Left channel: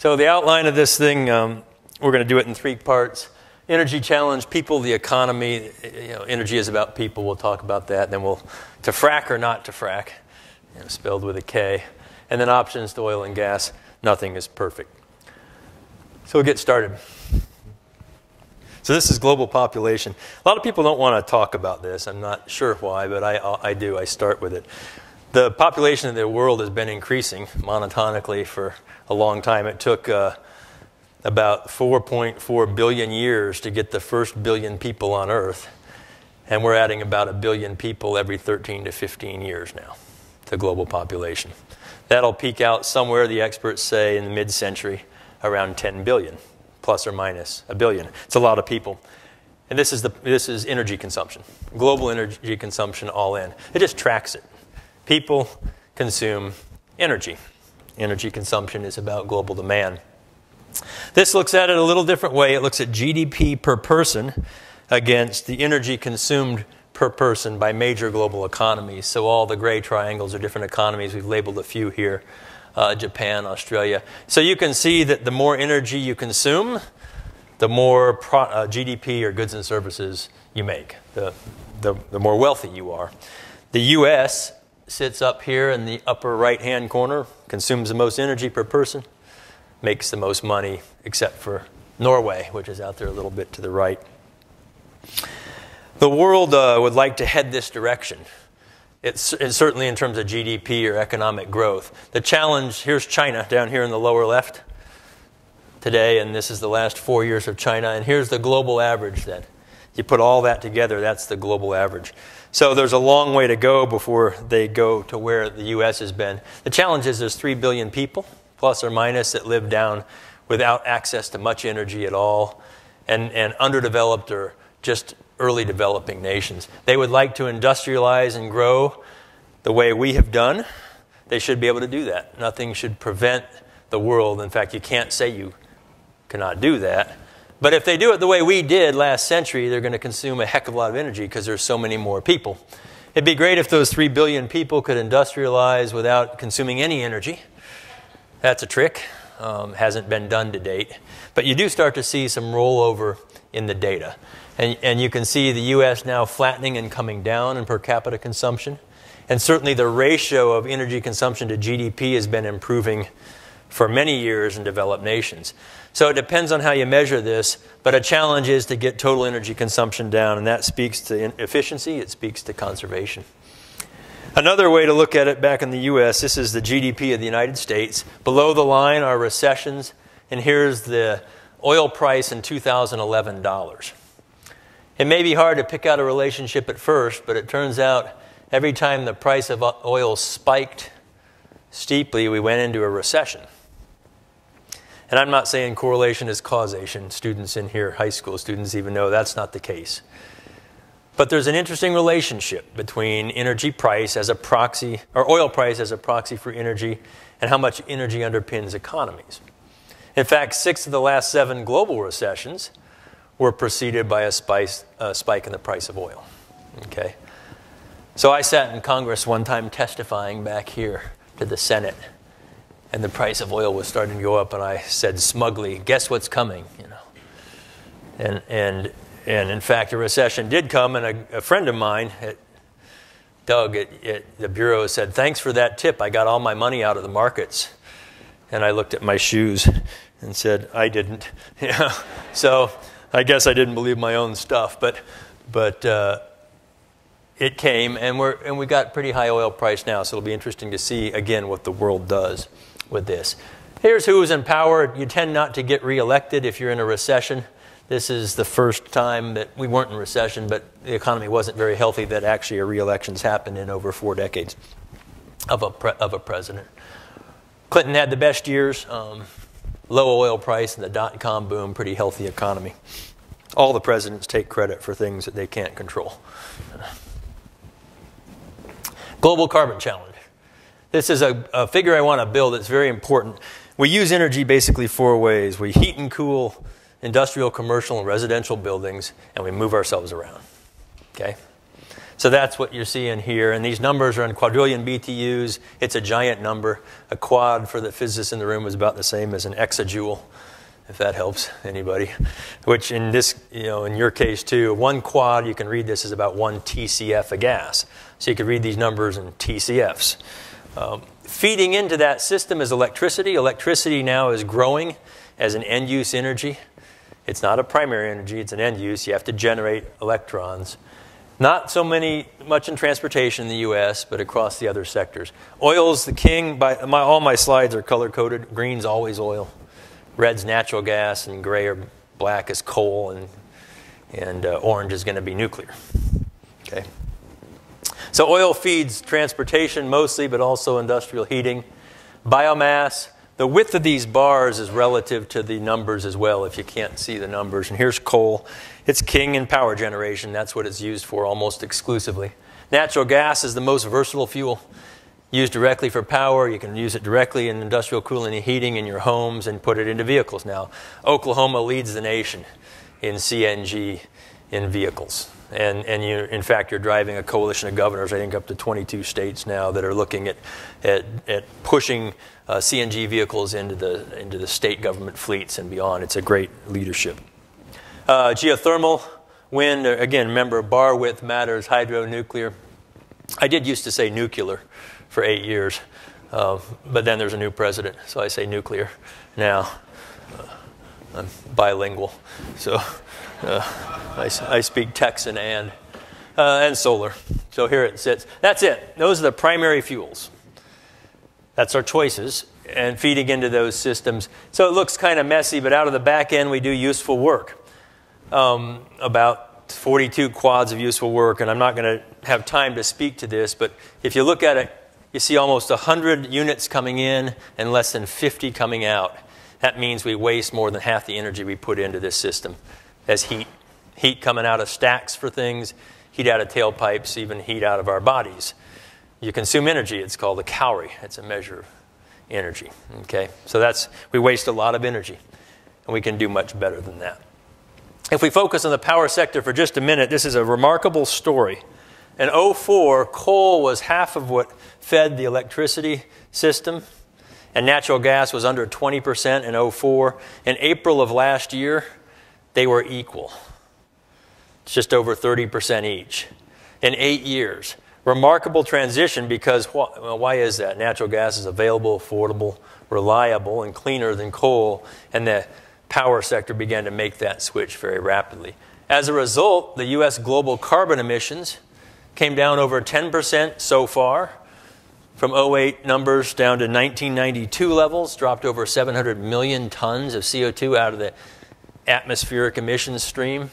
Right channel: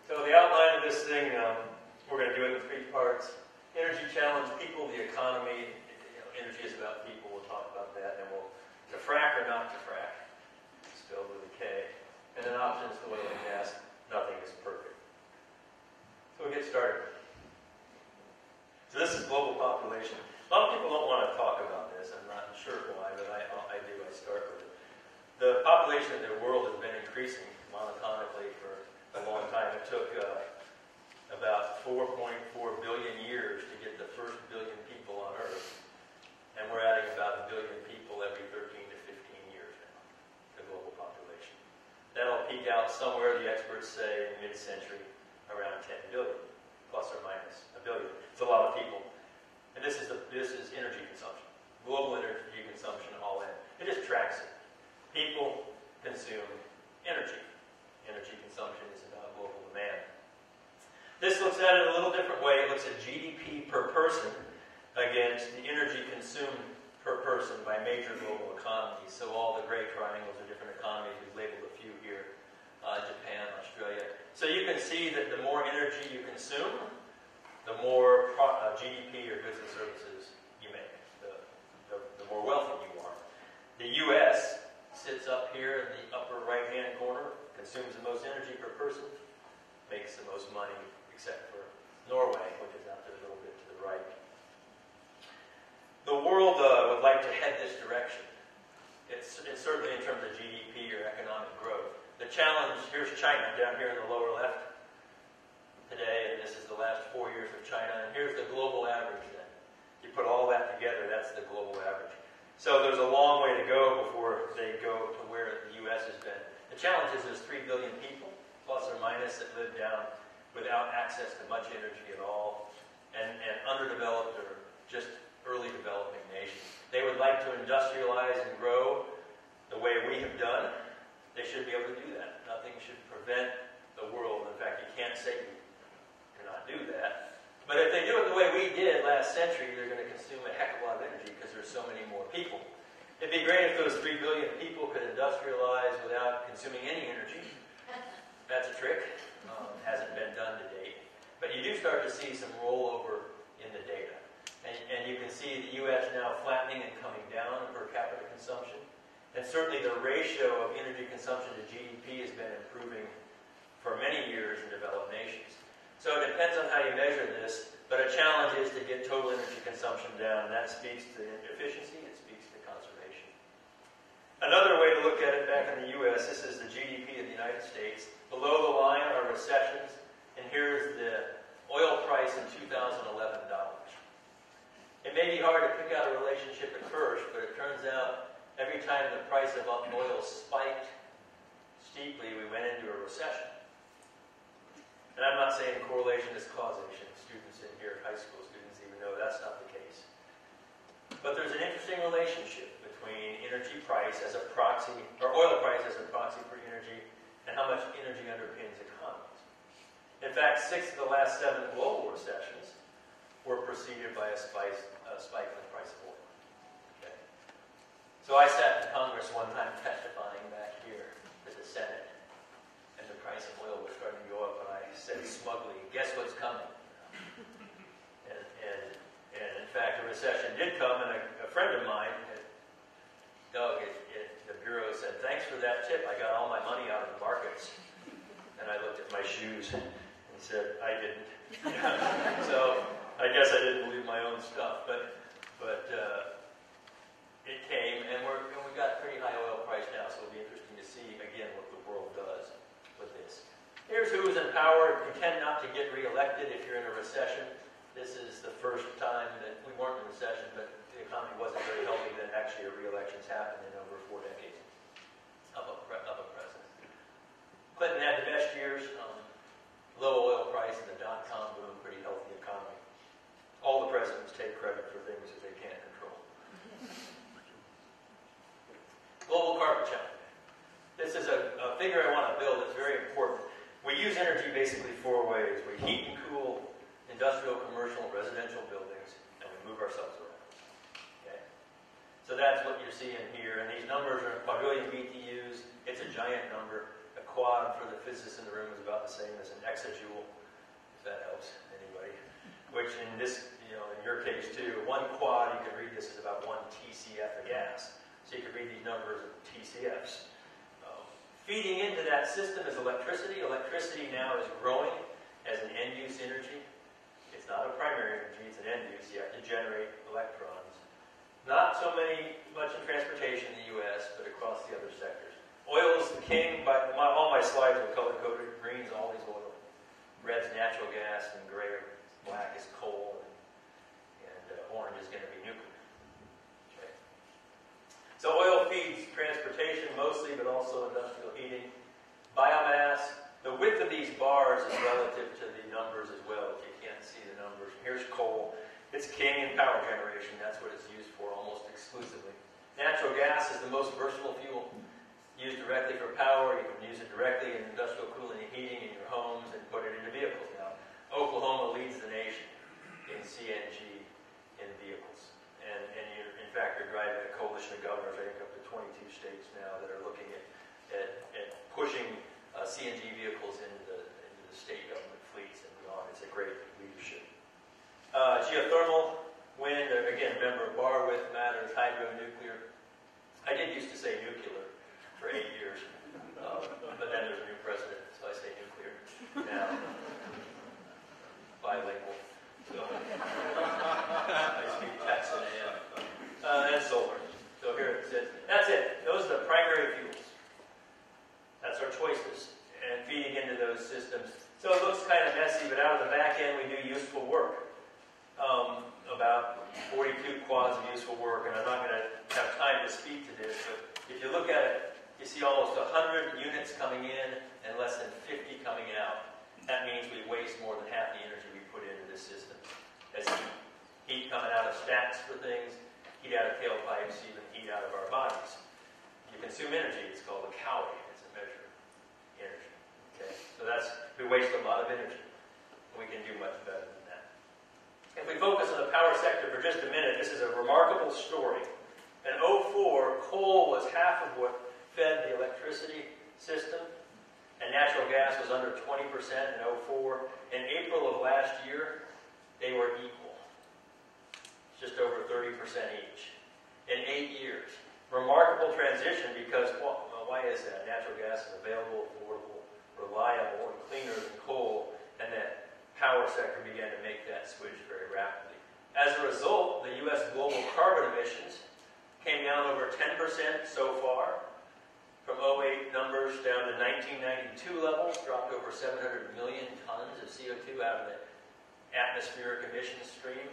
So the outline of this thing, we're going to do it in 3 parts. Energy challenge, people, the economy. Energy is about people. We'll talk about that. Then we'll to frack or not to frack, spelled with a K. And then options to oil and gas. Nothing is perfect. So we'll get started. So this is global population. A lot of people don't want to talk about this. I'm not sure why, but I do. I start with it. The population of the world has been increasing monotonically for a long time. It took about 4.4 billion years to get the first billion people on Earth. And we're adding about 1 billion people every 13 to 15 years now to global population. That'll peak out somewhere, the experts say, in the mid-century, around 10 billion, plus or minus 1 billion. It's a lot of people. And this is energy consumption, global energy consumption all in. It just tracks it. People consume energy. Energy consumption is about global demand. This looks at it a little different way. It looks at GDP per person against the energy consumed per person by major global economies. So all the gray triangles are different economies. We've labeled a few here, Japan, Australia. So you can see that the more energy you consume, the more GDP or goods and services you make, the more wealthy you are. The US sits up here in the upper right-hand corner, consumes the most energy per person, makes the most money, except for Norway, which is out there a little bit to the right. The world would like to head this direction. It's certainly in terms of GDP or economic growth. The challenge, here's China down here in the lower left today, and this is the last 4 years of China, and here's the global average then. You put all that together, that's the global average. So there's a long way to go before they go to where the US has been. The challenge is there's 3 billion people, plus or minus, that live down without access to much energy at all, and underdeveloped or just early developing nations. They would like to industrialize and grow the way we have done. They should be able to do that. Nothing should prevent the world. In fact, you can't say you cannot do that. But if they do it the way we did last century, they're going to consume a heck of a lot of energy because there's so many more people. It'd be great if those 3 billion people could industrialize without consuming any energy. That's a trick. Hasn't been done to date. But you do start to see some rollover in the data. And you can see the US now flattening and coming down in per capita consumption. And certainly the ratio of energy consumption to GDP has been improving for many years in developed nations. So it depends on how you measure this, but a challenge is to get total energy consumption down, and that speaks to efficiency, it speaks to conservation. Another way to look at it back in the US, this is the GDP of the United States. Below the line are recessions, and here's the oil price in 2011 dollars. It may be hard to pick out a relationship at first, but it turns out every time the price of oil spiked steeply, we went into a recession. And I'm not saying correlation is causation. Students in here, high school students, even know that's not the case. But there's an interesting relationship between energy price as a proxy, or oil price as a proxy for energy, and how much energy underpins economies. In fact, 6 of the last 7 global recessions were preceded by a spike in the price of oil. Okay? So I sat in Congress one time testifying back here to the Senate, and the price of oil was starting to go up, and I said smugly, "Guess what's coming?" And in fact, a recession did come, and a friend of mine, Doug at the Bureau, said, "Thanks for that tip. I got all my money out of the markets." And I looked at my shoes and said, "I didn't." So I guess I didn't believe my own stuff, but it came, and we got pretty high oil price now, so it'll be interesting to see, again, what the world does with this. Here's who's in power. You tend not to get reelected if you're in a recession. This is the first time that we weren't in recession, but the economy wasn't very healthy, that actually a re-election's happened in over 4 decades of a president. Clinton had the best years, low oil price and the dot-com boom, pretty healthy economy. All the presidents take credit for things that they can't control. Global carbon challenge. This is a figure I want to build that's very important. We use energy basically 4 ways. We heat and cool industrial, commercial, and residential buildings, and we move ourselves around. Okay? So that's what you're seeing here. And these numbers are in quadrillion BTUs. It's a giant number. A quad for the physicists in the room is about the same as an exajoule, if that helps anybody. Which in this, in your case too, one quad, you can read this as about 1 TCF of gas. So you could read these numbers in TCFs. Feeding into that system is electricity. Electricity now is growing as an end-use energy. It's not a primary energy, it's an end-use. You have to generate electrons. Not so much in transportation in the US, but across the other sectors. Oil's the king. All my slides are color-coded. Green's always oil. Red's natural gas, and gray or black is coal, and orange is going to be nuclear. Okay. So oil feeds transportation mostly, but also industrial heating. Biomass. The width of these bars is relative to the numbers as well, if you can't see the numbers. And here's coal. It's king in power generation. That's what it's used for almost exclusively. Natural gas is the most versatile fuel. Used directly for power. You can use it directly in industrial cooling and heating in your homes and put it into vehicles now. Oklahoma leads the nation in CNG in vehicles. And in fact, you're driving a coalition of governors, I think up to 22 states now, that are looking at pushing CNG vehicles into the state government fleets and beyond. It's a great leadership. Geothermal, wind, again, remember, bar width matters, hydro, nuclear. I did used to say nuclear for 8 years, but then there's a new president, so I say nuclear now. I'm bilingual, so I speak Texan and solar. So here it sits. That's it. Those are the primary fuels. That's our choices, and feeding into those systems. So it looks kind of messy, but out of the back end, we do useful work. About 42 quads of useful work, and I'm not going to have time to speak to this, but if you look at it, you see almost 100 units coming in and less than 50 coming out. That means we waste more than half the energy we put into this system as heat. Heat coming out of stacks for things, heat out of tailpipes, even heat out of our bodies. You consume energy. It's called a calorie. It's a measure of energy. Okay? So we waste a lot of energy, and we can do much better than that. If we focus on the power sector for just a minute, this is a remarkable story. In 2004, coal was half of what fed the electricity system, and natural gas was under 20% in 2004. In April of last year, they were equal. It's just over 30% each in 8 years. Remarkable transition because, why is that? Natural gas is available, affordable, reliable, and cleaner than coal, and the power sector began to make that switch very rapidly. As a result, the US global carbon emissions came down over 10% so far, from 2008 numbers down to 1992 levels, dropped over 700 million tons of CO2 out of the atmospheric emissions stream.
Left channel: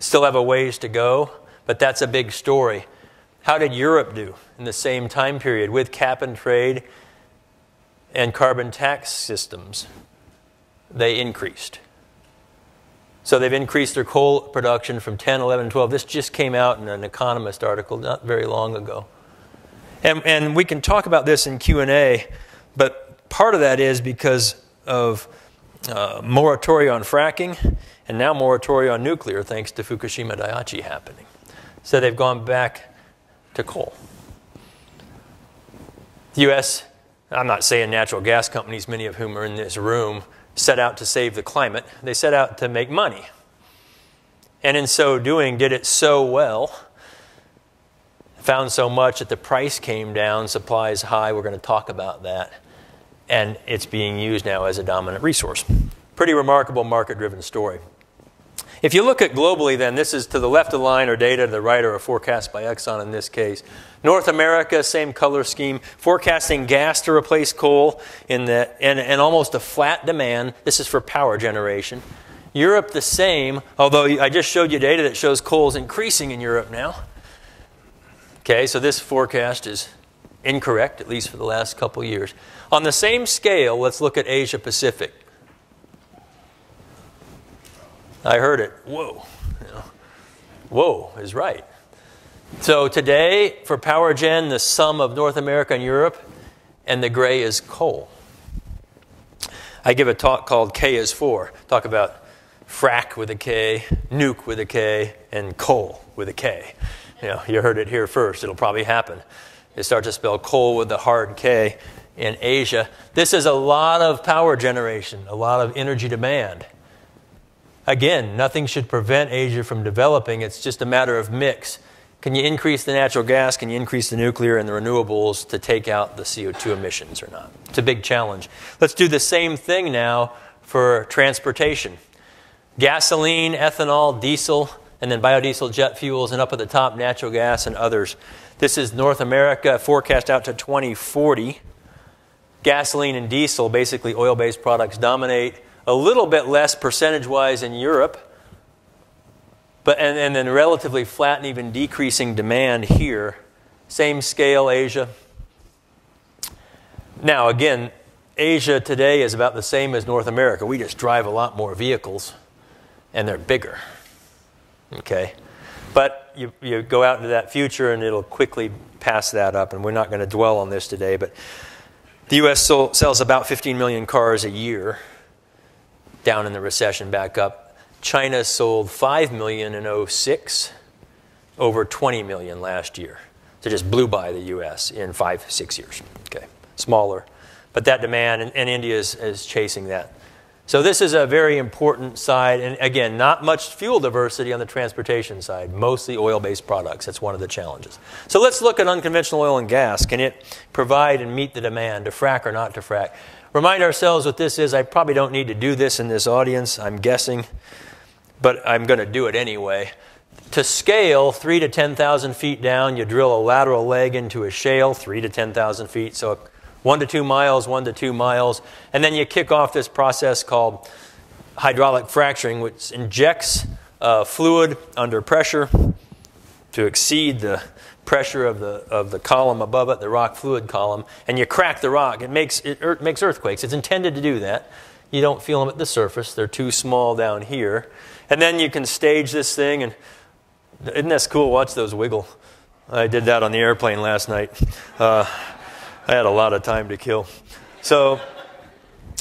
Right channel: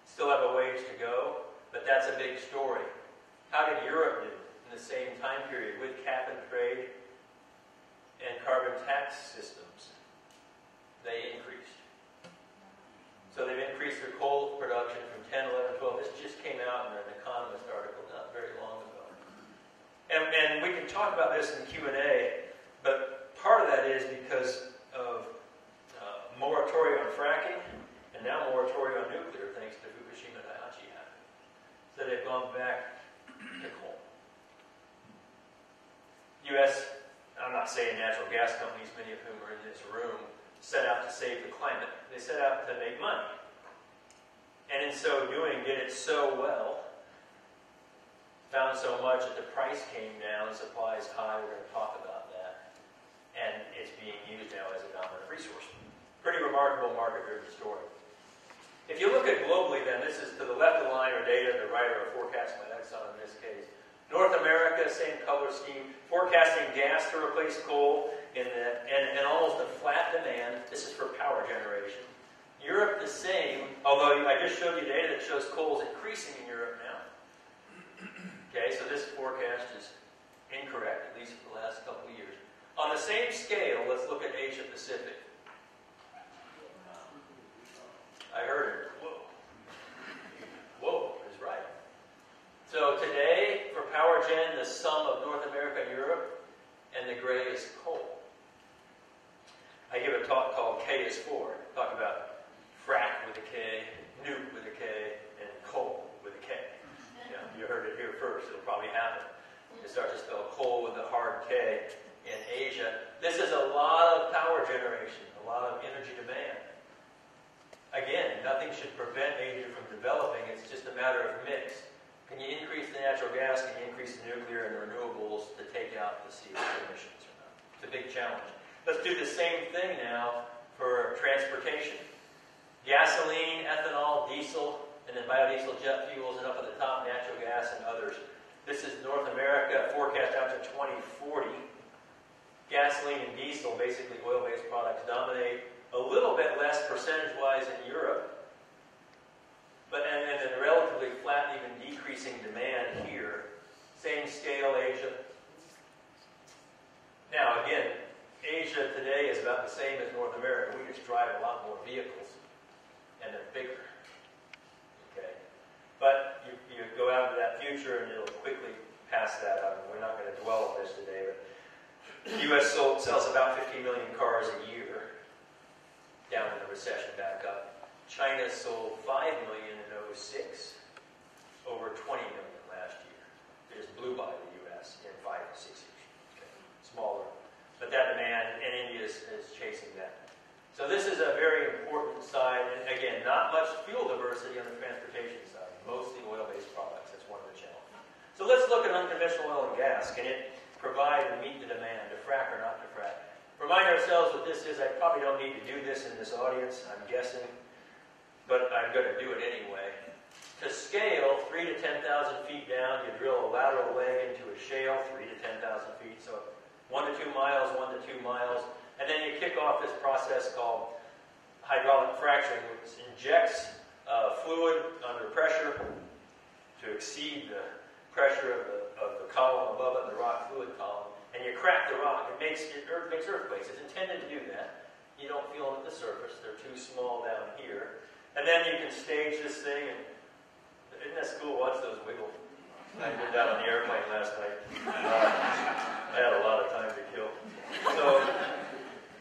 Still have a ways to go, but that's a big story. How did Europe do in the same time period with cap and trade and carbon tax systems? They increased. So they've increased their coal production from 10, 11, 12. This just came out in an Economist article not very long ago. And we can talk about this in Q&A, but part of that is because of moratorium on fracking and now moratorium on nuclear thanks to Fukushima Daiichi happening. So they've gone back to coal. The U.S., I'm not saying natural gas companies, many of whom are in this room, set out to save the climate. They set out to make money. And in so doing, did it so well, found so much that the price came down, supply is high, we're going to talk about that, and it's being used now as a dominant resource. Pretty remarkable market-driven story. If you look at globally then, this is to the left of the line are data, to the right are a forecast by Exxon in this case. North America, same color scheme, forecasting gas to replace coal and almost a flat demand. This is for power generation. Europe the same, although I just showed you data that shows coal is increasing in Europe now. Okay, so this forecast is incorrect, at least for the last couple years. On the same scale, let's look at Asia Pacific. I heard it. Whoa. You know, whoa is right. So today, for power gen, the sum of North America and Europe, and the gray is coal. I give a talk called K is 4. Talk about frack with a K, nuke with a K, and coal with a K. You know, you heard it here first. It'll probably happen. They start to spell coal with the hard K in Asia. This is a lot of power generation, a lot of energy demand. Again, nothing should prevent Asia from developing. It's just a matter of mix. Can you increase the natural gas? Can you increase the nuclear and the renewables to take out the CO2 emissions or not? It's a big challenge. Let's do the same thing now for transportation. Gasoline, ethanol, diesel, and then biodiesel, jet fuels, and up at the top, natural gas and others. This is North America, forecast out to 2040. Gasoline and diesel, basically oil-based products, dominate a little bit less percentage-wise in Europe, but and then relatively flat and even decreasing demand here. Same scale, Asia. Now, again, Asia today is about the same as North America. We just drive a lot more vehicles, and they're bigger. Okay? But you go out into that future, and it'll quickly pass that up, and we're not going to dwell on this today, but the U.S. sells about 15 million cars a year, down in the recession, back up. China sold 5 million in 2006, over 20 million last year. So just blew by the U.S. in 5-6 years. Okay, smaller. But that demand, and India is chasing that. So this is a very important side. And again, not much fuel diversity on the transportation side, mostly oil-based products. That's one of the challenges. So let's look at unconventional oil and gas. Can it provide and meet the demand, to frack or not to frack? Remind ourselves what this is. I probably don't need to do this in this audience, I'm guessing, but I'm going to do it anyway. To scale 3,000 to 10,000 feet down, you drill a lateral leg into a shale, 3,000 to 10,000 feet, so 1 to 2 miles, 1 to 2 miles, and then you kick off this process called hydraulic fracturing, which injects fluid under pressure to exceed the pressure of the column above it, the rock fluid column, and you crack the rock. It makes earthquakes. It's intended to do that. You don't feel them at the surface. They're too small down here. And then you can stage this thing, and isn't that cool? Watch those wiggle. I did that on the airplane last night. I had a lot of time to kill. So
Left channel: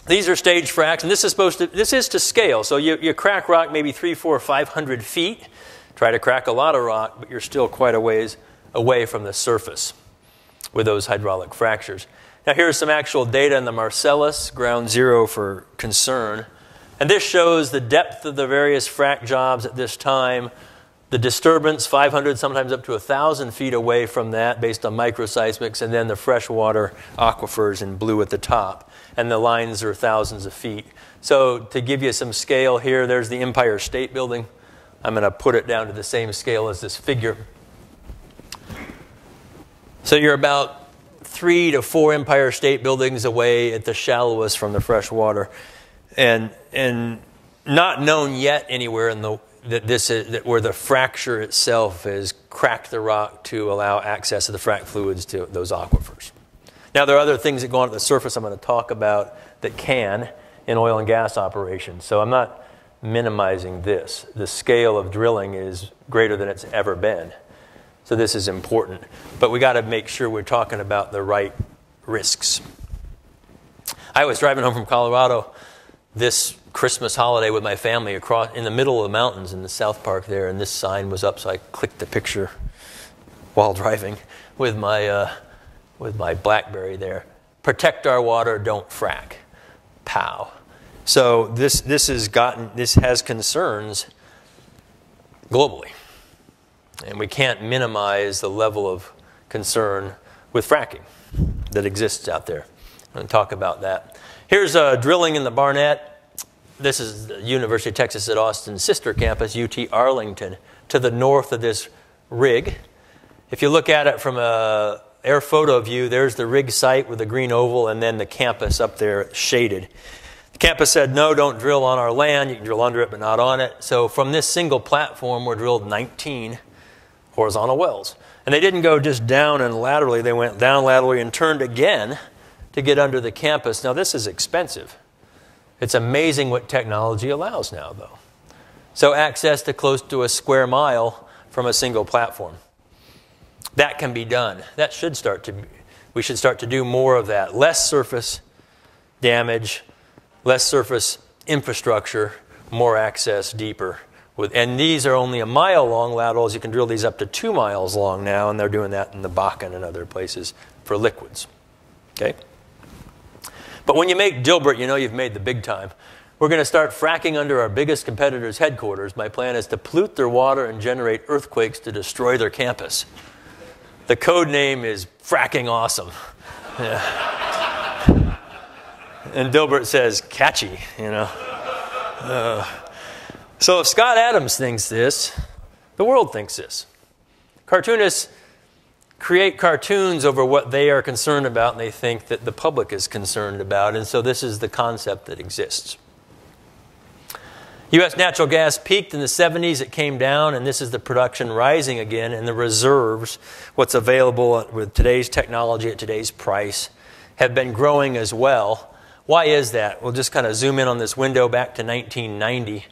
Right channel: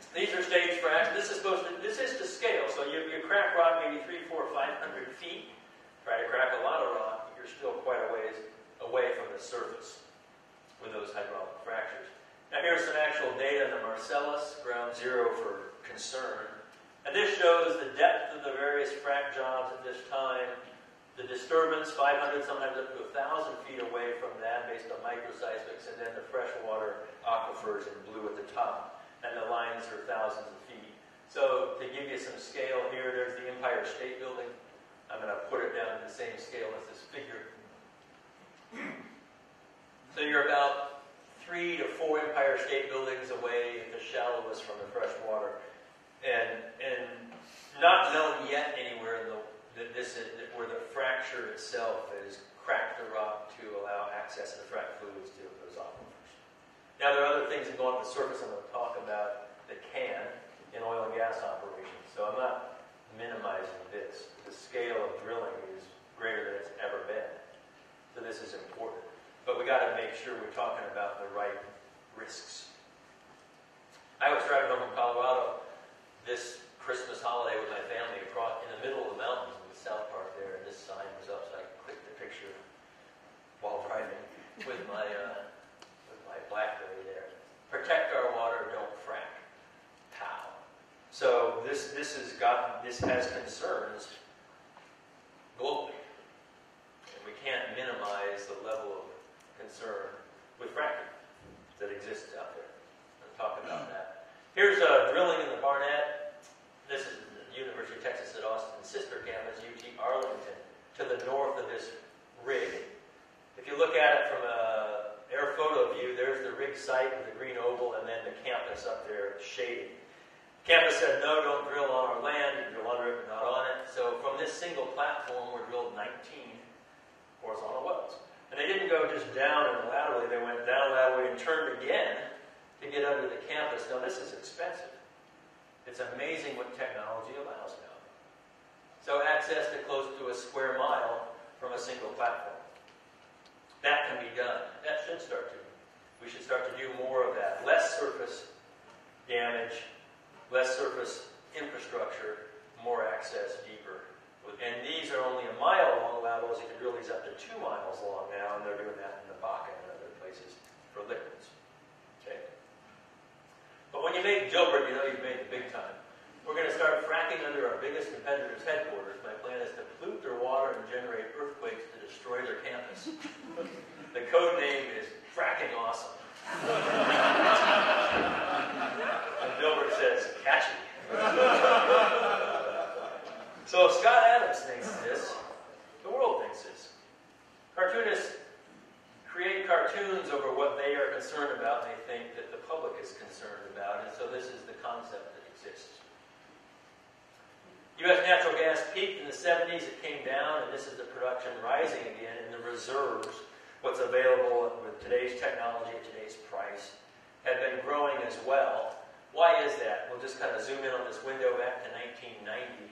these are stage fracks, and this is to scale. So you crack rock maybe 300, 400, 500 feet. Try to crack a lot of rock, but you're still quite a ways away from the surface with those hydraulic fractures. Now here's some actual data in the Marcellus, ground zero for concern. And this shows the depth of the various frac jobs at this time. The disturbance, 500, sometimes up to 1,000 feet away from that based on microseismics, and then the freshwater aquifers in blue at the top. And the lines are thousands of feet. So to give you some scale here, there's the Empire State Building. I'm going to put it down to the same scale as this figure. So you're about 3 to 4 Empire State Buildings away at the shallowest from the fresh water. And not known yet anywhere in where the fracture itself has cracked the rock to allow access to the frac fluids to those aquifers. Now there are other things that go on at the surface I'm going to talk about that can in oil and gas operations. So I'm not minimizing this. The scale of drilling is greater than it's ever been. So this is important. But we got to make sure we're talking about the right risks. I was driving home from Colorado this Christmas holiday with my family across in the middle of the mountains in the South Park there, and this sign was up, so I clicked the picture while driving with my BlackBerry there. Protect our water, don't frack. Pow. So this has concerns globally. And we can't minimize the level of concern with fracking that exists out there. I'm going to talk about that. Here's drilling in the Barnett. This is the University of Texas at Austin's sister campus, UT Arlington, to the north of this rig. If you look at it from an air photo view, there's the rig site with the green oval and then the campus up there shaded. The campus said, no, don't drill on our land. You can drill under it, but not on it. So from this single platform were drilled 19 horizontal wells. And they didn't go just down and laterally. They went down laterally and turned again to get under the campus. Now, this is expensive. It's amazing what technology allows now, though. So access to close to a square mile from a single platform. That can be done. That should start to, we should start to do more of that. Less surface damage, less surface infrastructure, more access deeper And these are only a mile long laterals. You can drill these up to 2 miles long now, and they're doing that in the Bakken and other places for liquids. Okay? But when you make Dilbert, you know you've made the big time. We're going to start fracking under our biggest competitor's headquarters. My plan is to pollute their water and generate earthquakes to destroy their campus. The code name is Fracking Awesome. Yeah. And Dilbert says, catchy, you know. So if Scott Adams thinks this, the world thinks this. Cartoonists create cartoons over what they are concerned about, and they think that the public is concerned about, and so this is the concept that exists. U.S. natural gas peaked in the 70s, it came down, and this is the production rising again, and the reserves, what's available with today's technology at today's price, have been growing as well. Why is that? We'll just kind of zoom in on this window back to 1990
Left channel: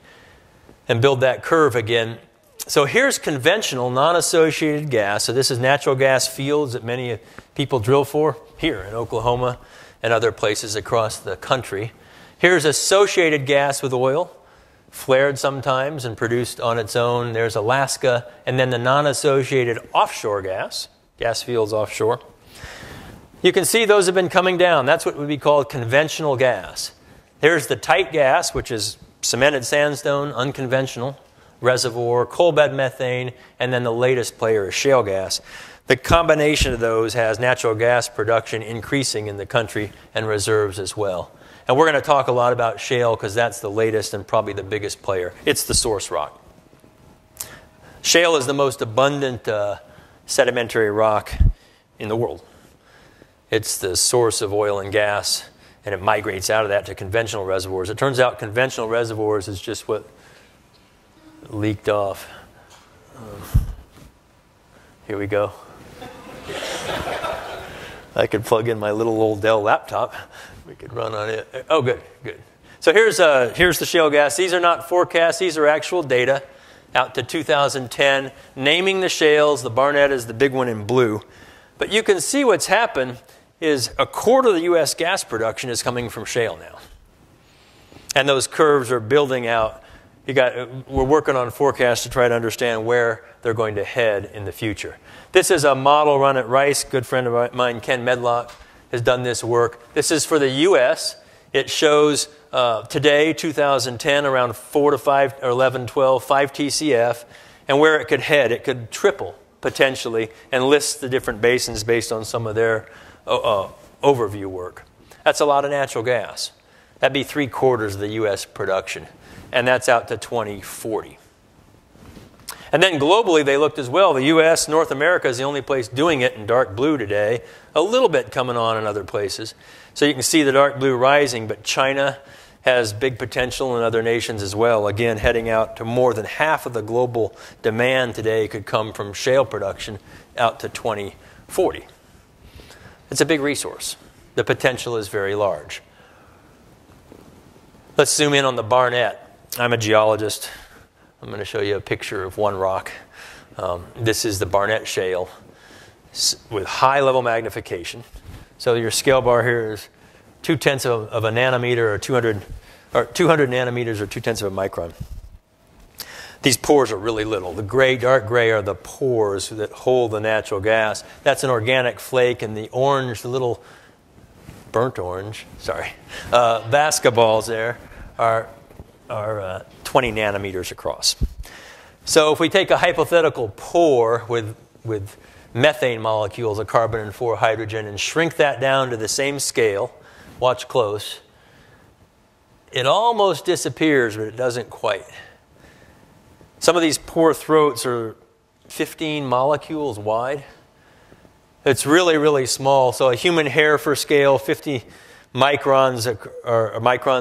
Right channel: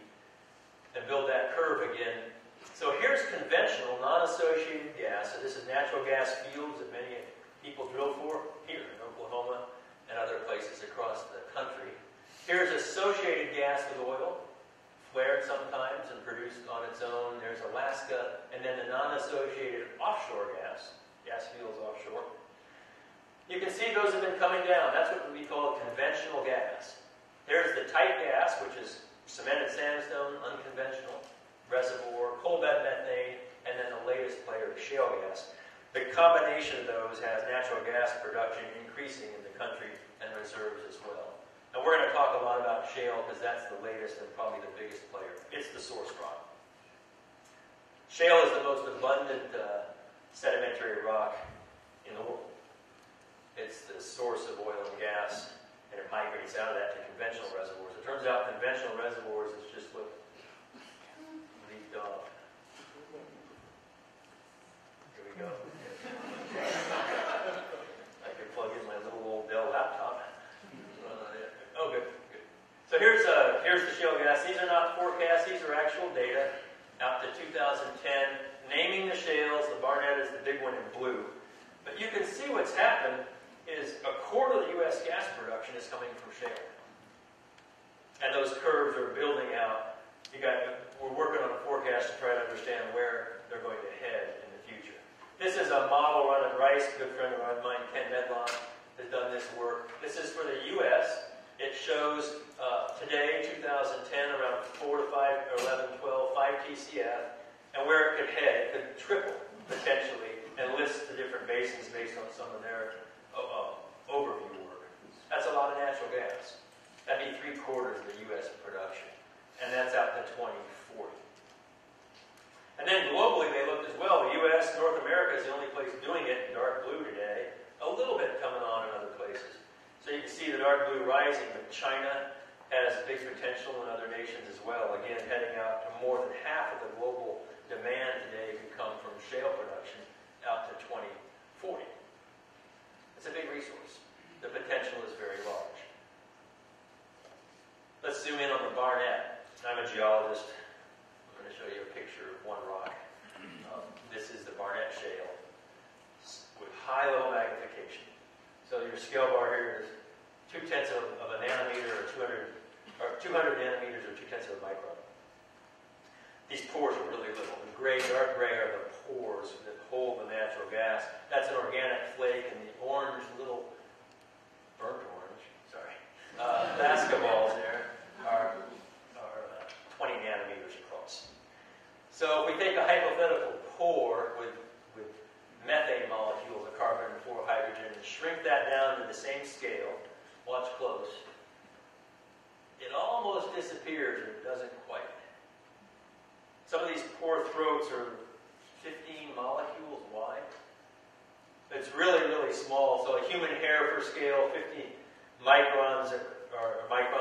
and build that curve again. So here's conventional non-associated gas. So this is natural gas fields that many people drill for here in Oklahoma and other places across the country. Here's associated gas with oil, flared sometimes and produced on its own. There's Alaska, and then the non-associated offshore gas fields offshore. You can see those have been coming down. That's what would be called conventional gas. There's the tight gas, which is cemented sandstone, unconventional, reservoir, coal bed methane, and then the latest player is shale gas. The combination of those has natural gas production increasing in the country and reserves as well. And we're going to talk a lot about shale because that's the latest and probably the biggest player. It's the source rock. Shale is the most abundant sedimentary rock in the world. It's the source of oil and gas, and it migrates out of that to conventional reservoirs. It turns out conventional reservoirs is just what leaked off. Here we go. I could plug in my little old Dell laptop. We could run on it. Oh, good, good. So here's the shale gas. These are not forecasts. These are actual data out to 2010, naming the shales. The Barnett is the big one in blue. But you can see what's happened is a quarter of the U.S. gas production is coming from shale now. And those curves are building out. We're working on forecasts to try to understand where they're going to head in the future. This is a model run at Rice. Good friend of mine, Ken Medlock, has done this work. This is for the U.S. It shows today, 2010, around 4 to 5, or 11, 12, 5 TCF, and where it could head. It could triple, potentially, and lists the different basins based on some of their overview work. That's a lot of natural gas. That'd be 3/4 of the U.S. production, and that's out to 2040. And then globally, they looked as well. The U.S., North America is the only place doing it in dark blue today. A little bit coming on in other places. So you can see the dark blue rising, but China has big potential in other nations as well. Again, heading out to more than half of the global demand today could come from shale production out to 2040. It's a big resource. The potential is very large. Let's zoom in on the Barnett. I'm a geologist. I'm going to show you a picture of one rock. This is the Barnett Shale with high level magnification. So your scale bar here is 0.2 of a nanometer, or 200 nanometers, or 0.2 of a micron. These pores are really little. The gray, dark gray are the pores that hold the natural gas. That's an organic flake, and the orange, the little burnt orange, sorry, basketballs there are 20 nanometers across. So if we take a hypothetical pore with methane molecules, a carbon and 4 hydrogen, and shrink that down to the same scale, watch close, it almost disappears, but it doesn't quite. Some of these pore throats are 15 molecules wide. It's really, really small. So a human hair for scale, 50 microns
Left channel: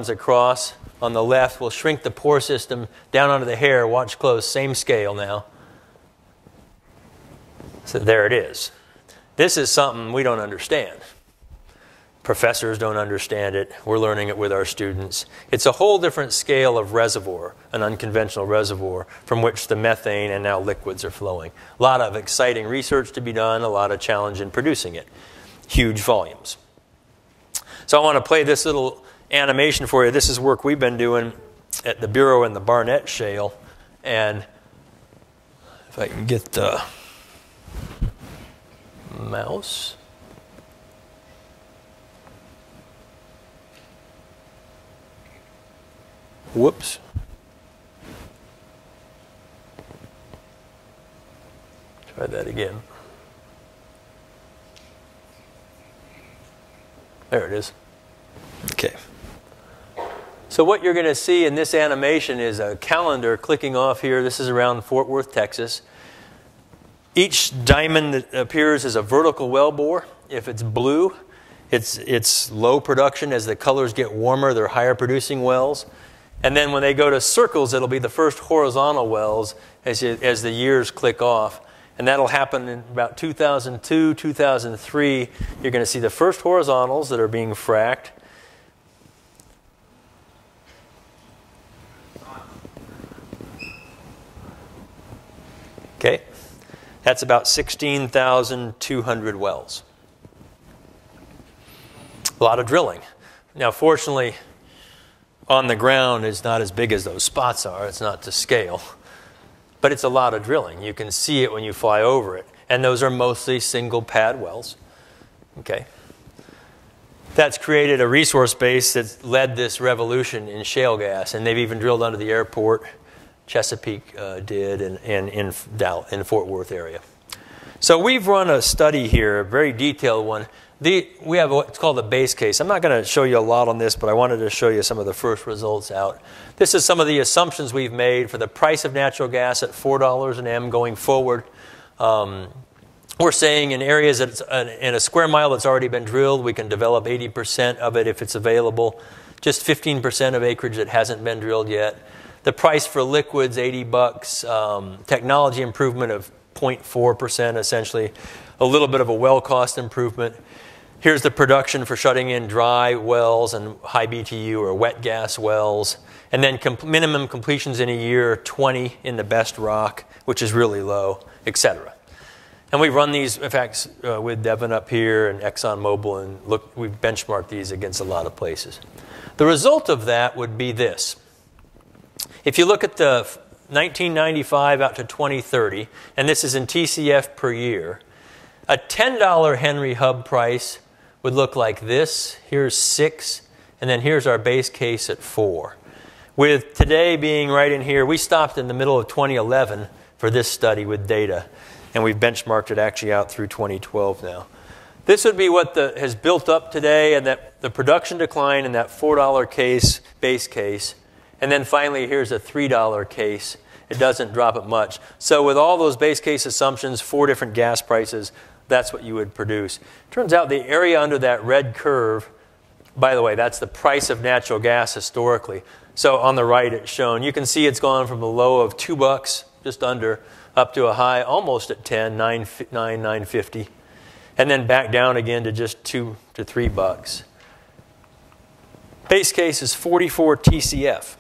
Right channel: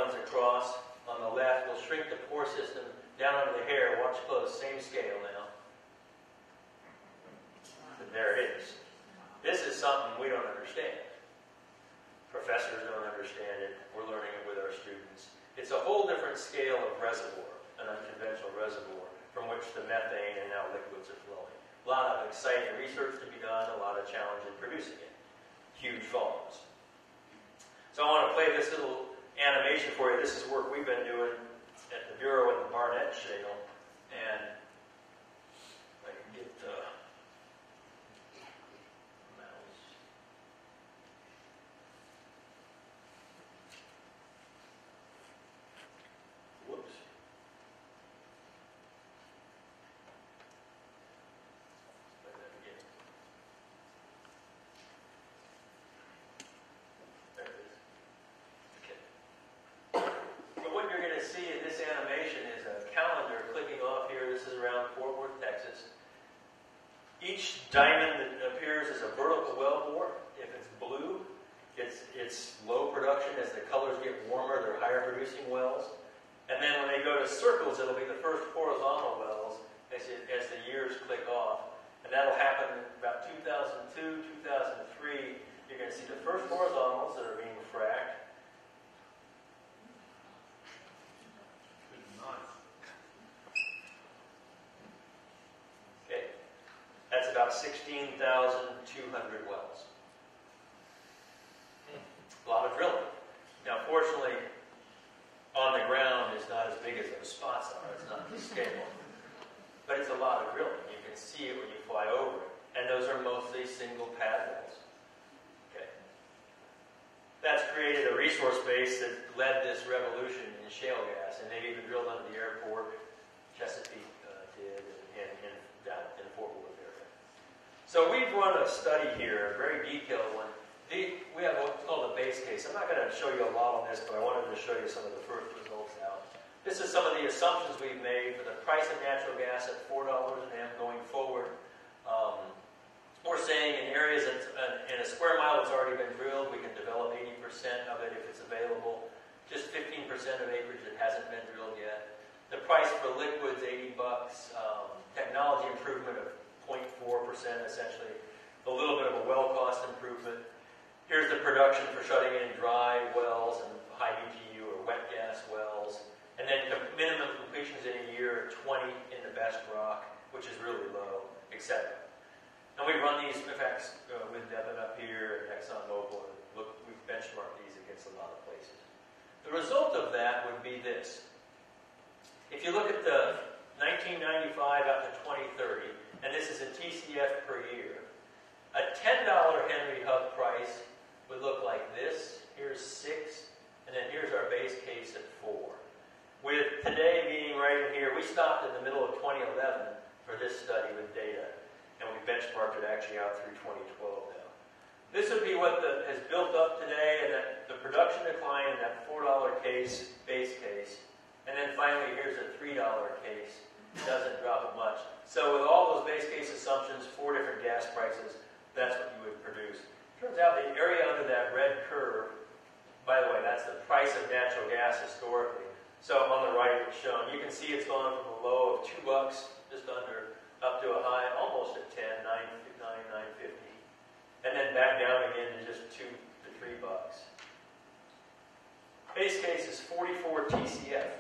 across on the left will shrink the pore system down onto the hair. Watch close, same scale now. So there it is. This is something we don't understand. Professors don't understand it. We're learning it with our students. It's a whole different scale of reservoir, an unconventional reservoir from which the methane and now liquids are flowing. A lot of exciting research to be done, a lot of challenge in producing it. Huge volumes. So I want to play this little animation for you. This is work we've been doing at the Bureau in the Barnett Shale And if I can get the mouse. Whoops. Try that again. There it is. Okay. So what you're going to see in this animation is a calendar clicking off here. This is around Fort Worth, Texas. Each diamond that appears is a vertical wellbore. If it's blue, it's low production. As the colors get warmer, they're higher producing wells. And then when they go to circles, it'll be the first horizontal wells as the years click off. And that'll happen in about 2002, 2003. You're going to see the first horizontals that are being fracked. Okay, that's about 16,200 wells. A lot of drilling. Now, fortunately, on the ground is not as big as those spots are. It's not to scale. But it's a lot of drilling. You can see it when you fly over it. And those are mostly single pad wells. Okay. That's created a resource base that's led this revolution in shale gas. And they've even drilled under the airport. Chesapeake did, and in Fort Worth area. So we've run a study here, a very detailed one. We have what's called a base case. I'm not going to show you a lot on this, but I wanted to show you some of the first results out. This is some of the assumptions we've made for the price of natural gas at $4 an M going forward. We're saying in areas that's in a square mile that's already been drilled, we can develop 80% of it if it's available. Just 15% of acreage that hasn't been drilled yet. The price for liquids, $80. Technology improvement of 0.4% essentially. A little bit of a well cost improvement. Here's the production for shutting in dry wells and high BTU or wet gas wells. And then minimum completions in a year, 20 in the best rock, which is really low, etc. And we've run these, in fact, with Devon up here and ExxonMobil, and look, we've benchmarked these against a lot of places. The result of that would be this. If you look at the 1995 out to 2030, and this is in TCF per year, a $10 Henry Hub price would look like this. Here's 6, and then here's our base case at 4. With today being right in here, we stopped in the middle of 2011 for this study with data, and we've benchmarked it actually out through 2012 now. This would be what has built up today, and that the production decline in that $4 case, base case. And then finally, here's a $3 case. It doesn't drop it much. So with all those base case assumptions, 4 different gas prices, that's what you would produce. Turns out the area under that red curve, by the way, that's the price of natural gas historically. So on the right, it's shown. You can see it's gone from a low of $2, just under, up to a high almost at 10, $9.50, and then back down again to just $2 to $3. Base case is 44 TCF.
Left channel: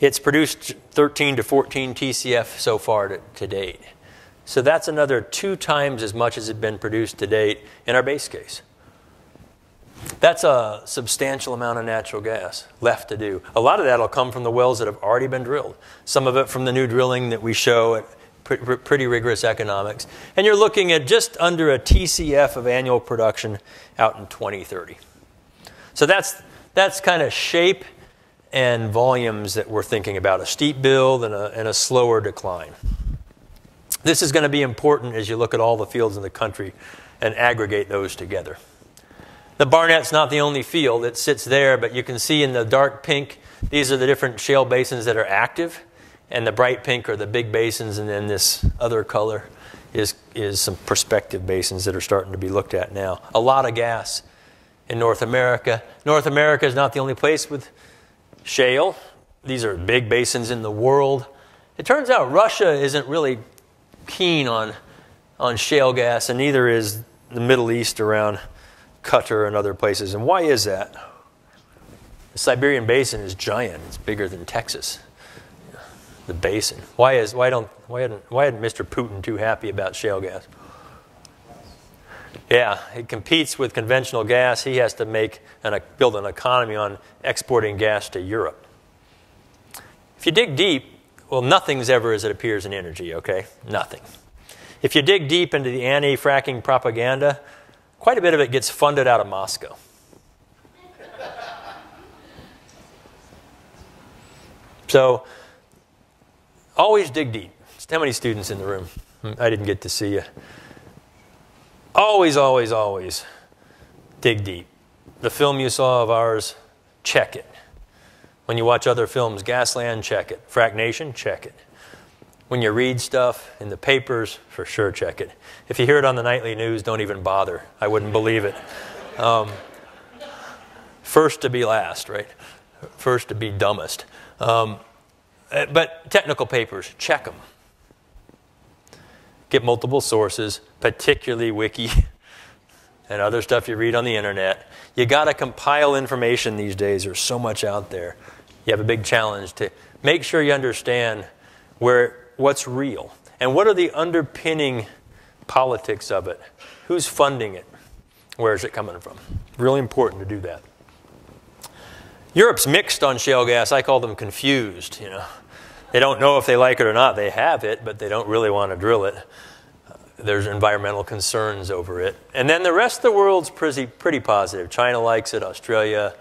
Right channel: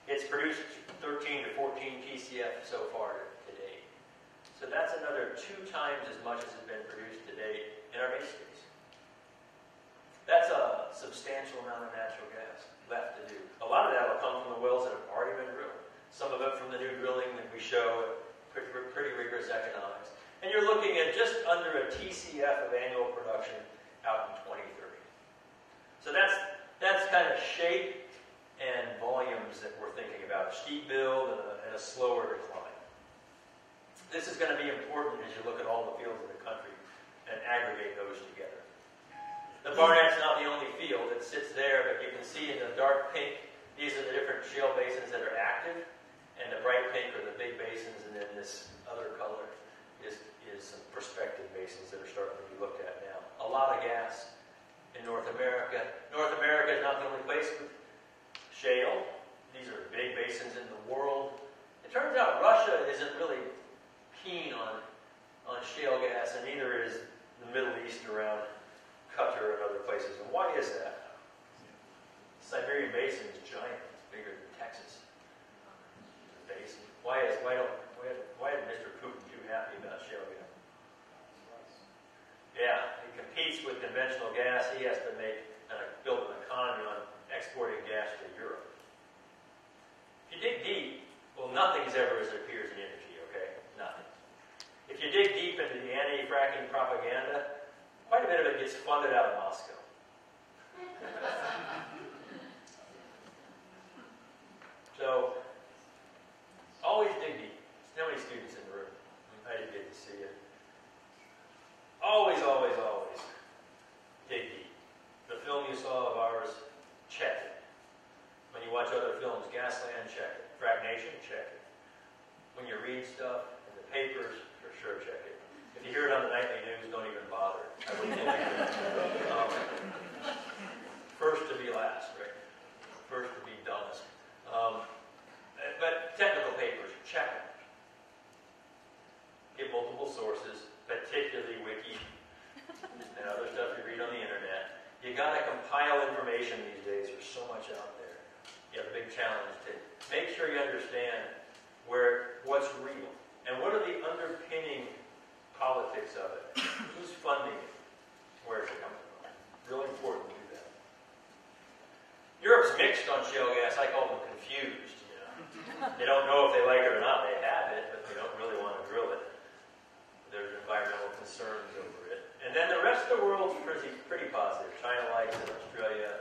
It's produced 13 to 14 TCF so far to date. So that's another 2 times as much as has been produced to date in our base case. That's a substantial amount of natural gas left to do. A lot of that will come from the wells that have already been drilled. Some of it from the new drilling that we show at pretty rigorous economics. And you're looking at just under a TCF of annual production out in 2030. So that's kind of shape and volumes that we're thinking about, a steep build and a slower decline. This is going to be important as you look at all the fields in the country and aggregate those together. The Barnett's not the only field. It sits there, but you can see in the dark pink, these are the different shale basins that are active, and the bright pink are the big basins, and then this other color is some prospective basins that are starting to be looked at now. A lot of gas in North America. North America is not the only place with shale. These are big basins in the world. It turns out Russia isn't really keen on shale gas, and neither is the Middle East around Qatar and other places. And why is that? The Siberian Basin is giant. It's bigger than Texas. The basin. Why isn't Mr. Putin too happy about shale gas? Yeah, it competes with conventional gas. He has to build an economy on exporting gas to Europe. If you dig deep, well, nothing's ever as it appears in energy, okay? Nothing. If you dig deep into the anti-fracking propaganda, quite a bit of it gets funded out of Moscow. So always dig deep. How many students in the room? I didn't get to see you. Always, always, always dig deep. The film you saw of ours, check it. When you watch other films, Gasland, check it. Frac Nation, check it. When you read stuff in the papers, for sure check it. If you hear it on the nightly news, don't even bother. I wouldn't believe it. First to be last, right? First to be dumbest. But technical papers, check them. Get multiple sources, particularly Wiki and other stuff you read on the internet. You got to compile information these days. There's so much out there. You have a big challenge to make sure you understand what's real and what are the underpinning politics of it. Who's funding it? Where is it coming from? Really important to do that. Europe's mixed on shale gas. I call them confused. You know, they don't know if they like it or not. They have it, but they don't really want to drill it. There's environmental concerns over it. And then the rest of the world's pretty positive. China likes it, Australia,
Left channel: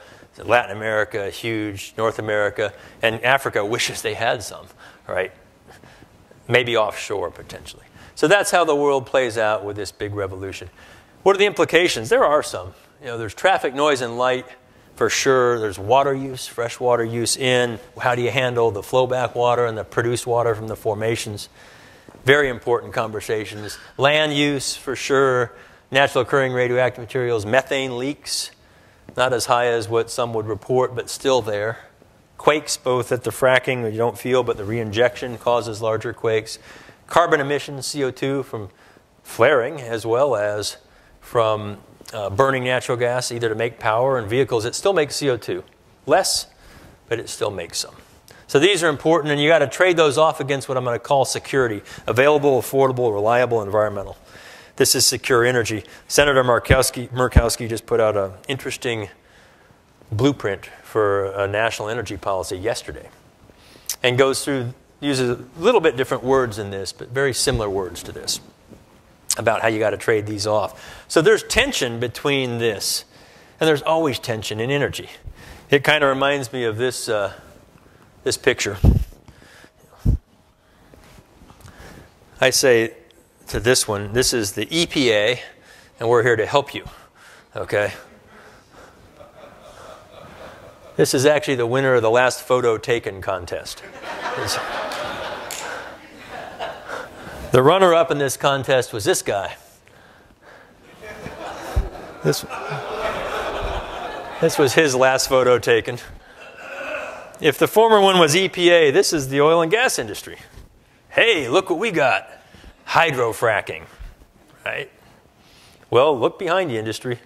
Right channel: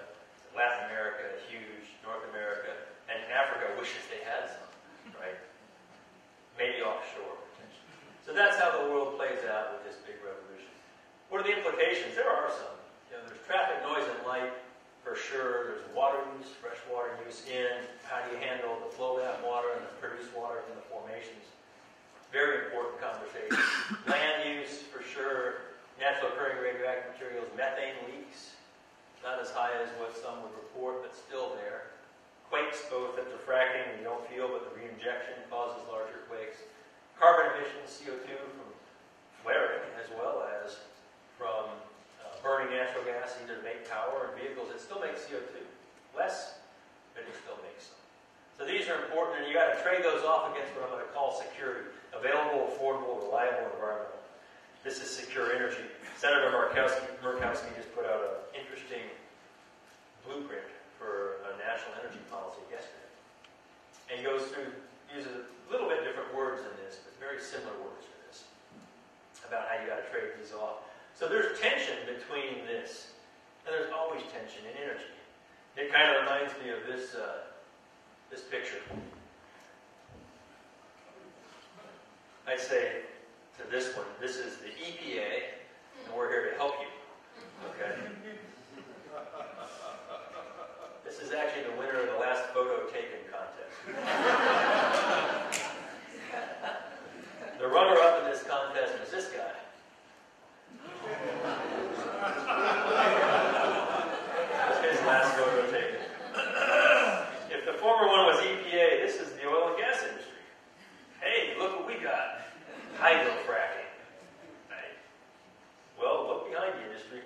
Latin America, huge, North America, and Africa wishes they had some, right? Maybe offshore, potentially. So that's how the world plays out with this big revolution. What are the implications? There are some. You know, there's traffic, noise, and light, for sure. There's water use, fresh water use in. How do you handle the flowback water and the produced water from the formations? Very important conversations. Land use, for sure. Natural occurring radioactive materials. Methane leaks, not as high as what some would report, but still there. Quakes, both at the fracking, where you don't feel, but the reinjection causes larger quakes. Carbon emissions, CO2, from flaring, as well as from burning natural gas, either to make power in vehicles. It still makes CO2. Less, but it still makes some. So these are important, and you got to trade those off against what I'm going to call security. Available, affordable, reliable, environmental. This is secure energy. Senator Murkowski just put out an interesting blueprint for a national energy policy yesterday, and uses a little bit different words in this, but very similar words to this, about how you got to trade these off. So there's tension between this, and there's always tension in energy. It kind of reminds me of this picture. I say to this one, this is the EPA, and we're here to help you, okay? This is actually the winner of the last photo taken contest. The runner-up in this contest was this guy. This was his last photo taken. If the former one was EPA, this is the oil and gas industry. Hey, look what we got. Hydrofracking, right? Well, look behind you, industry.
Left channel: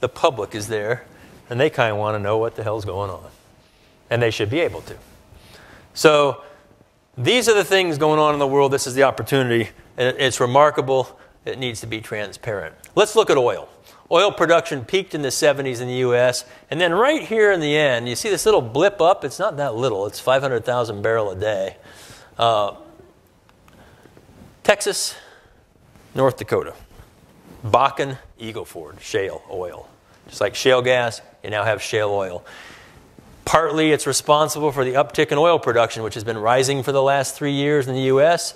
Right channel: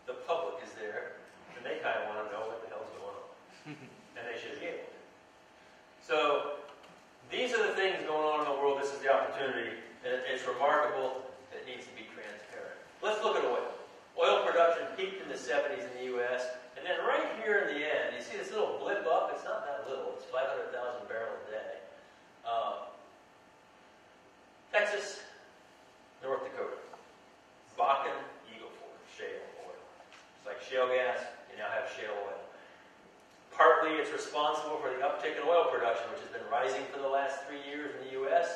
The public is there, and they kind of want to know what the hell's going on. And they should be able to. So these are the things going on in the world. This is the opportunity. It's remarkable. It needs to be transparent. Let's look at oil. Oil production peaked in the 70s in the US, and then right here in the end, you see this little blip up? It's not that little. It's 500,000 barrels a day. Texas, North Dakota, Bakken, Eagle Ford, shale oil. Just like shale gas, you now have shale oil. Partly it's responsible for the uptick in oil production, which has been rising for the last 3 years in the US.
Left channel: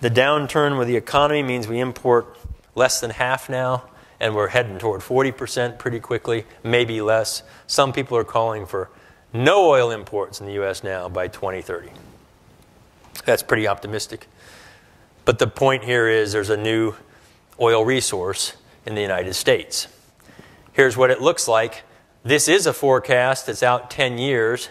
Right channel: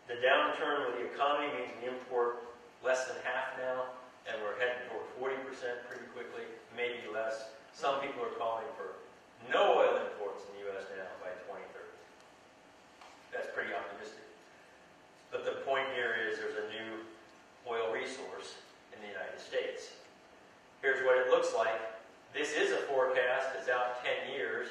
The downturn with the economy means we import less than half now, and we're heading toward 40% pretty quickly, maybe less. Some people are calling for no oil imports in the US now by 2030. That's pretty optimistic. But the point here is there's a new oil resource in the United States. Here's what it looks like. This is a forecast that's out 10 years.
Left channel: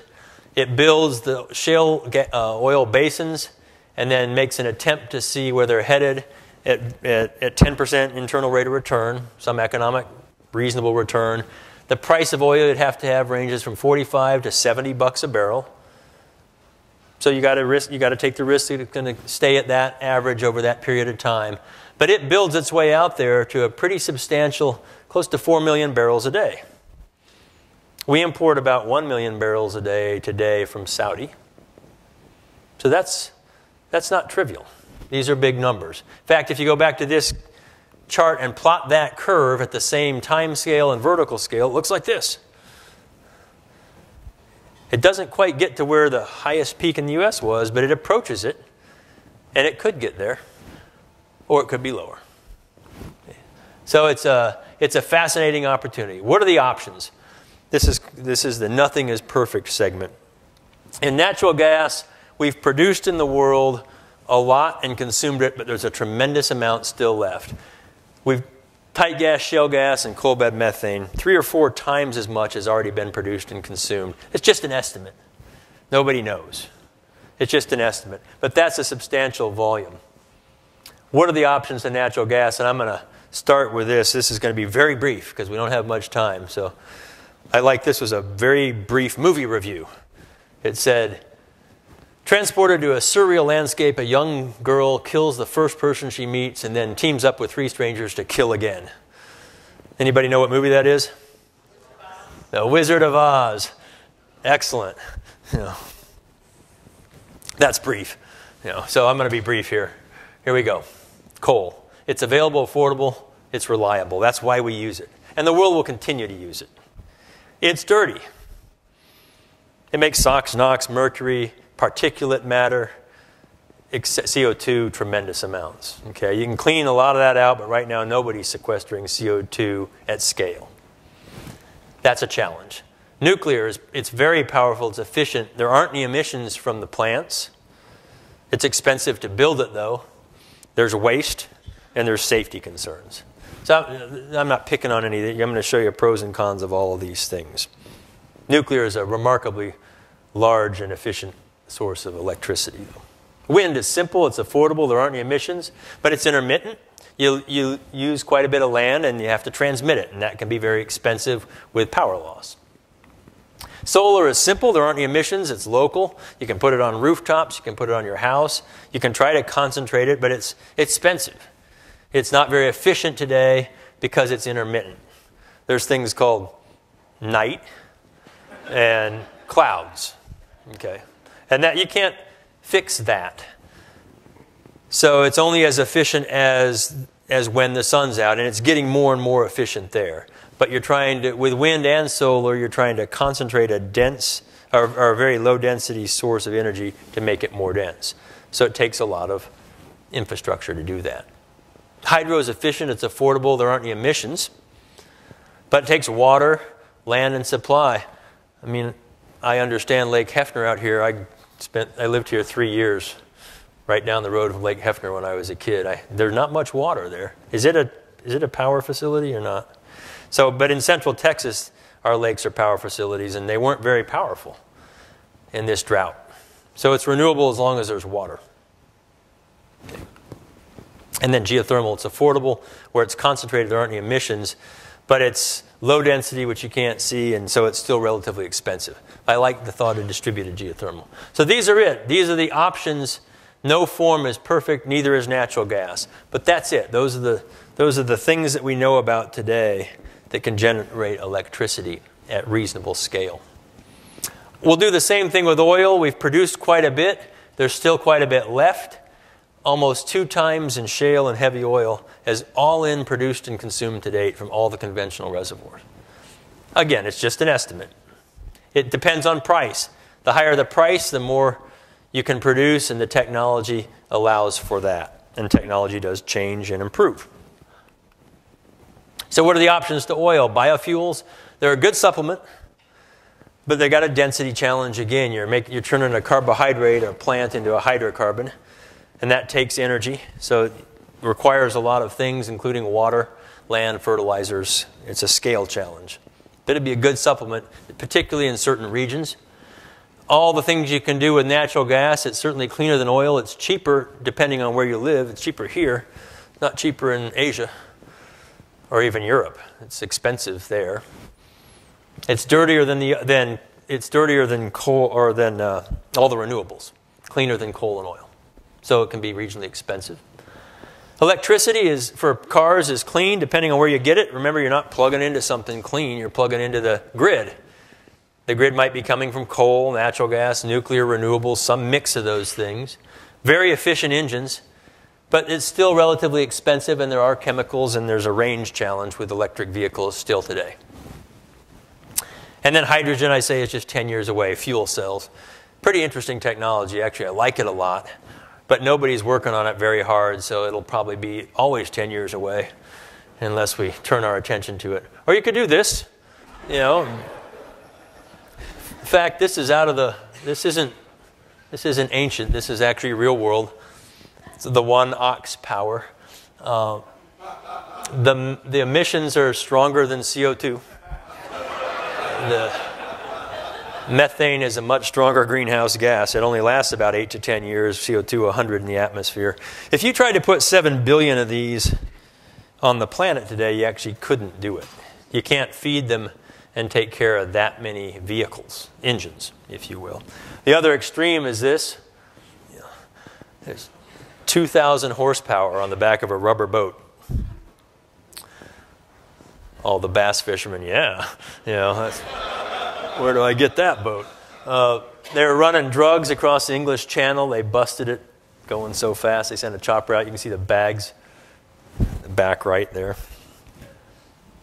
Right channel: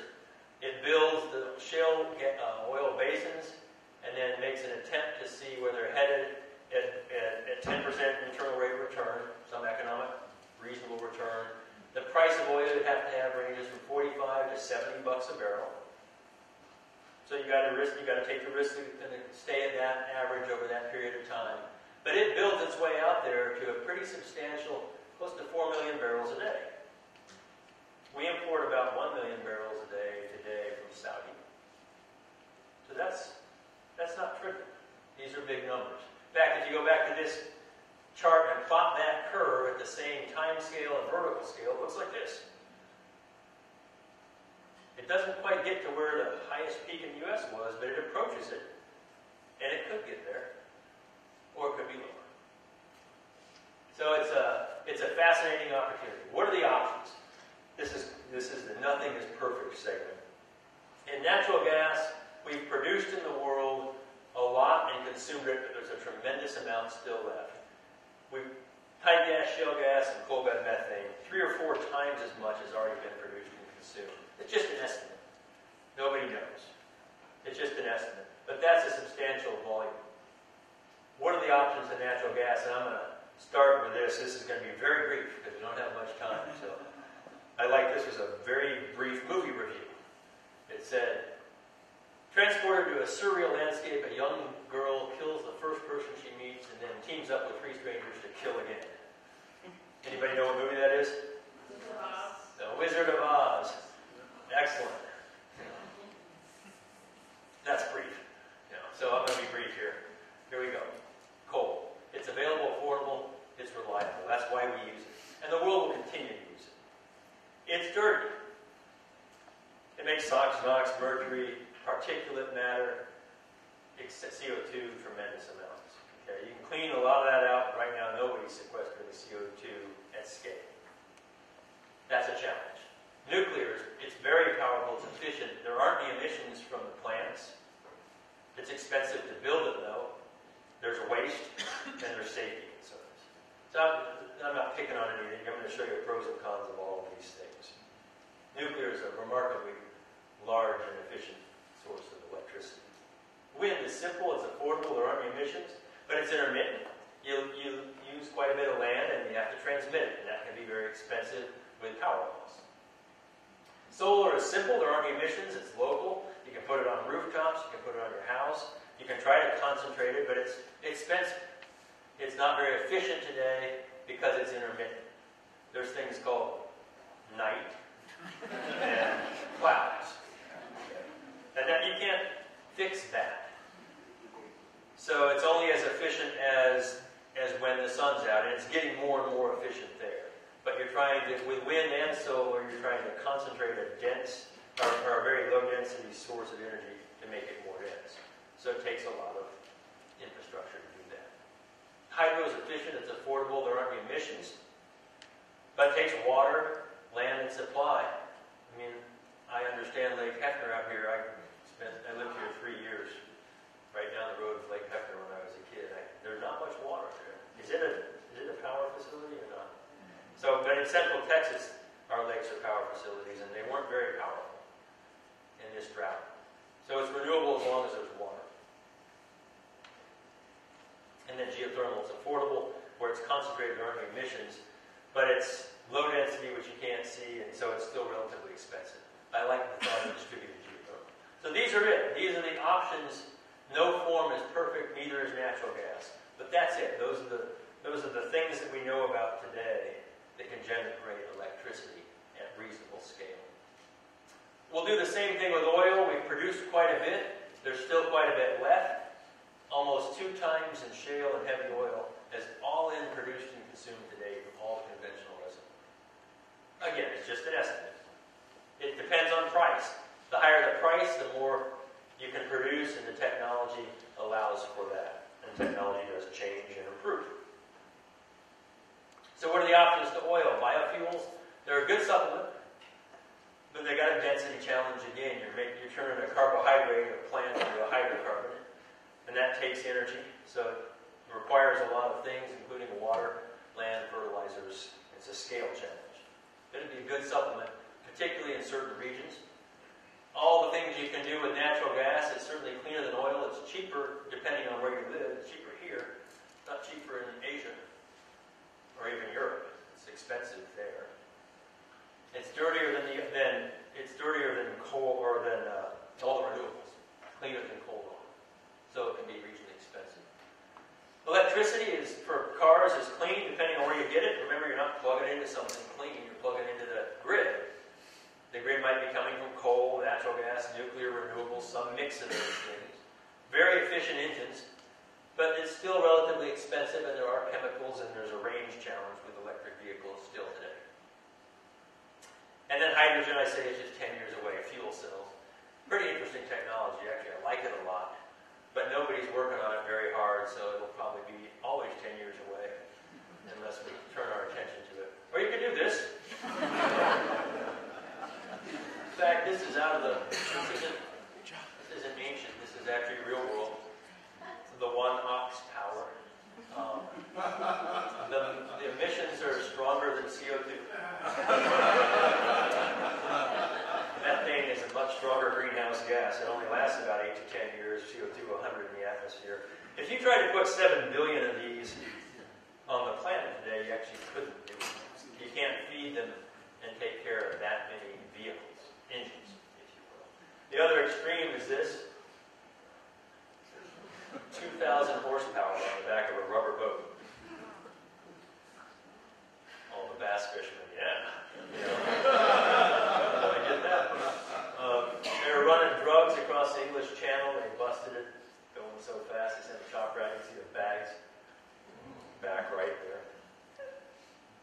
It builds the shale oil basins and then makes an attempt to see where they're headed at 10% internal rate of return, some economic reasonable return. The price of oil you'd have to have ranges from 45 to 70 bucks a barrel. So you got to take the risk that it's going to stay at that average over that period of time. But it builds its way out there to a pretty substantial, close to 4 million barrels a day. We import about 1 million barrels a day today from Saudi. So that's That's not trivial. These are big numbers. In fact, if you go back to this chart and plot that curve at the same time scale and vertical scale, it looks like this. It doesn't quite get to where the highest peak in the US was, but it approaches it, and it could get there, or it could be lower. So it's a fascinating opportunity. What are the options? This is the nothing is perfect segment. In natural gas, we've produced in the world a lot and consumed it, but there's a tremendous amount still left. We've tight gas, shale gas, and coal bed methane, 3 or 4 times as much has already been produced and consumed. It's just an estimate. Nobody knows. It's just an estimate. But that's a substantial volume. What are the options to natural gas? And I'm going to start with this. This is going to be very brief because we don't have much time. So this was a very brief movie review. It said, transported to a surreal landscape, a young girl kills the first person she meets and then teams up with 3 strangers to kill again. Anybody know what movie that is? The Wizard of Oz. Excellent. That's brief. So I'm going to be brief here. Here we go. Coal. It's available, affordable, it's reliable. That's why we use it. And the world will continue to use it. It's dirty. It makes SOx, NOx, mercury, particulate matter, CO2, tremendous amounts. Okay, you can clean a lot of that out, but right now nobody's sequestering CO2 at scale. That's a challenge. Nuclear, it's very powerful, it's efficient. There aren't any emissions from the plants. It's expensive to build it, though. There's waste, and there's safety concerns. So I'm not picking on any of these. I'm going to show you pros and cons of all of these things. Nuclear is a remarkably large and efficient source of electricity. Wind is simple, it's affordable, there aren't any emissions, but it's intermittent. You use quite a bit of land and you have to transmit it, and that can be very expensive with power loss. Solar is simple, there aren't any emissions, it's local. You can put it on rooftops, you can put it on your house. You can try to concentrate it, but it's expensive. It's not very efficient today because it's intermittent. There's things called night and clouds. Okay. And that you can't fix that. So it's only as efficient as when the sun's out, and it's getting more and more efficient there. But you're trying to, with wind and solar, you're trying to concentrate a dense or a very low density source of energy to make it more dense. So it takes a lot of infrastructure to do that. Hydro is efficient, it's affordable, there aren't any emissions. But it takes water, land, and supply. I mean, I understand Lake Hefner out here. I lived here 3 years, right down the road from Lake Hefner when I was a kid. There's not much water there. Is it a power facility or not? So, but in central Texas, our lakes are power facilities, and they weren't very powerful in this drought. So it's renewable as long as there's water. Okay. And then geothermal, it's affordable, where it's concentrated, there aren't any emissions, but it's low density, which you can't see, and so it's still relatively expensive. I like the thought of distributed geothermal. So these are it. These are the options. No form is perfect, neither is natural gas. But that's it. Those are the things that we know about today that can generate electricity at reasonable scale. We'll do the same thing with oil. We've produced quite a bit. There's still quite a bit left. Almost 2 times in shale and heavy oil as all in produced and consumed to date from all the conventional reservoirs. Again, it's just an estimate. It depends on price. The higher the price, the more you can produce, and the technology allows for that. And technology does change and improve. So what are the options to oil? Biofuels, they're a good supplement, but they got a density challenge again. You're turning a carbohydrate or a plant into a hydrocarbon, and that takes energy. So it requires a lot of things, including water, land, fertilizers. It's a scale challenge. But it'd be a good supplement, particularly in certain regions. All the things you can do with natural gas, it's certainly cleaner than oil. It's cheaper depending on where you live. It's cheaper here, not cheaper in Asia or even Europe. It's expensive there. It's dirtier than coal or than all the renewables, cleaner than coal and oil. So it can be regionally expensive. Electricity for cars is clean depending on where you get it. Remember, you're not plugging into something clean. You're plugging into the grid. The grid might be coming from coal, natural gas, nuclear, renewables, some mix of those things. Very efficient engines, but it's still relatively expensive, and there are chemicals, and there's a range challenge with electric vehicles still today. And then hydrogen, I say, is just 10 years away. Fuel cells. Pretty interesting technology. Actually, I like it a lot. But nobody's working on it very hard, so it'll probably be always 10 years away unless we turn our attention to it. Or you could do this, you know. In fact, this is this isn't ancient. This is actually real world. It's the 1 ox power. The emissions are stronger than CO2. The methane is a much stronger greenhouse gas. It only lasts about 8 to 10 years, CO2 100 in the atmosphere. If you tried to put 7 billion of these on the planet today, you actually couldn't do it. You can't feed them and take care of that many vehicles, engines, if you will. The other extreme is this. There's 2,000 horsepower on the back of a rubber boat. All the bass fishermen, yeah. You know, where do I get that boat? They were running drugs across the English Channel. They busted it going so fast. They sent a chopper out. You can see the bags, the back right there.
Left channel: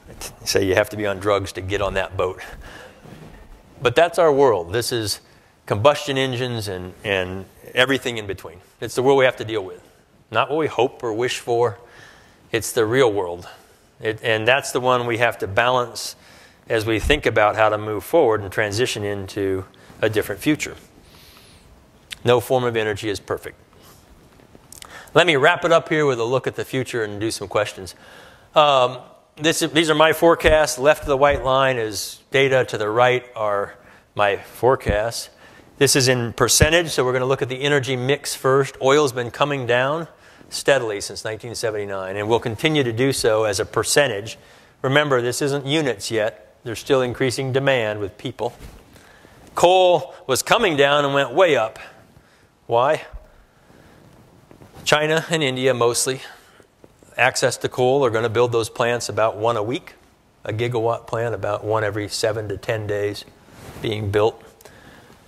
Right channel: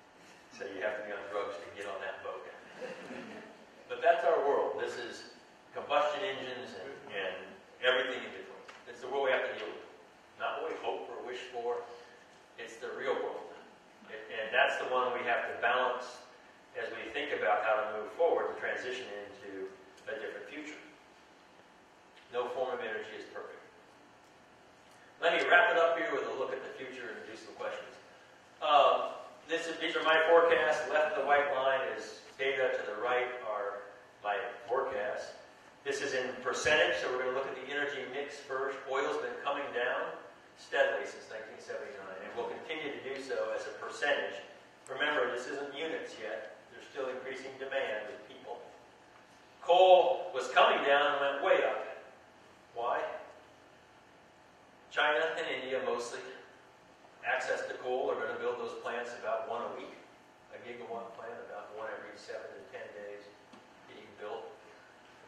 They say you have to be on drugs to get on that boat. But that's our world. This is combustion engines and everything in between. It's the world we have to deal with. Not what we hope or wish for. It's the real world. And that's the one we have to balance as we think about how to move forward and transition into a different future. No form of energy is perfect. Let me wrap it up here with a look at the future and do some questions. These are my forecasts. Left of the white line is data. To the right are my forecasts. This is in percentage, so we're going to look at the energy mix first. Oil's been coming down steadily since 1979, and will continue to do so as a percentage. Remember, this isn't units yet. There's still increasing demand with people. Coal was coming down and went way up. Why? China and India mostly. Access to coal are going to build those plants about 1 a week. A gigawatt plant about 1 every 7 to 10 days being built.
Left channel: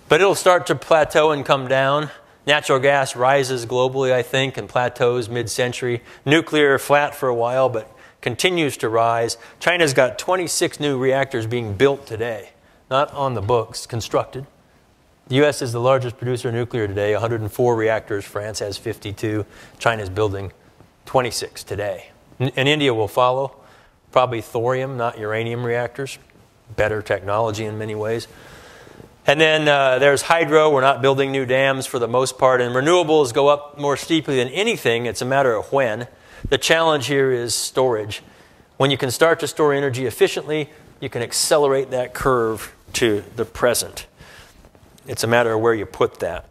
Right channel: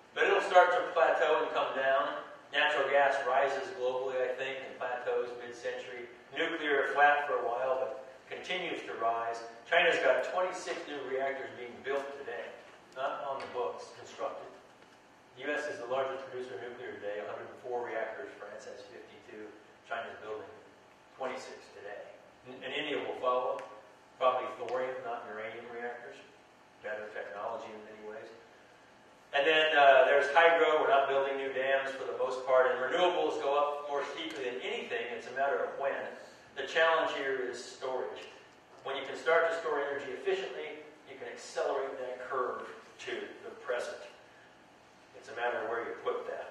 But it'll start to plateau and come down. Natural gas rises globally, I think, and plateaus mid-century. Nuclear flat for a while, but continues to rise. China's got 26 new reactors being built today. Not on the books, constructed. The U.S. is the largest producer of nuclear today, 104 reactors. France has 52. China's building 26 today. And India will follow. Probably thorium, not uranium reactors. Better technology in many ways. And then there's hydro. We're not building new dams for the most part. And renewables go up more steeply than anything. It's a matter of when. The challenge here is storage. When you can start to store energy efficiently, you can accelerate that curve to the present. It's a matter of where you put that.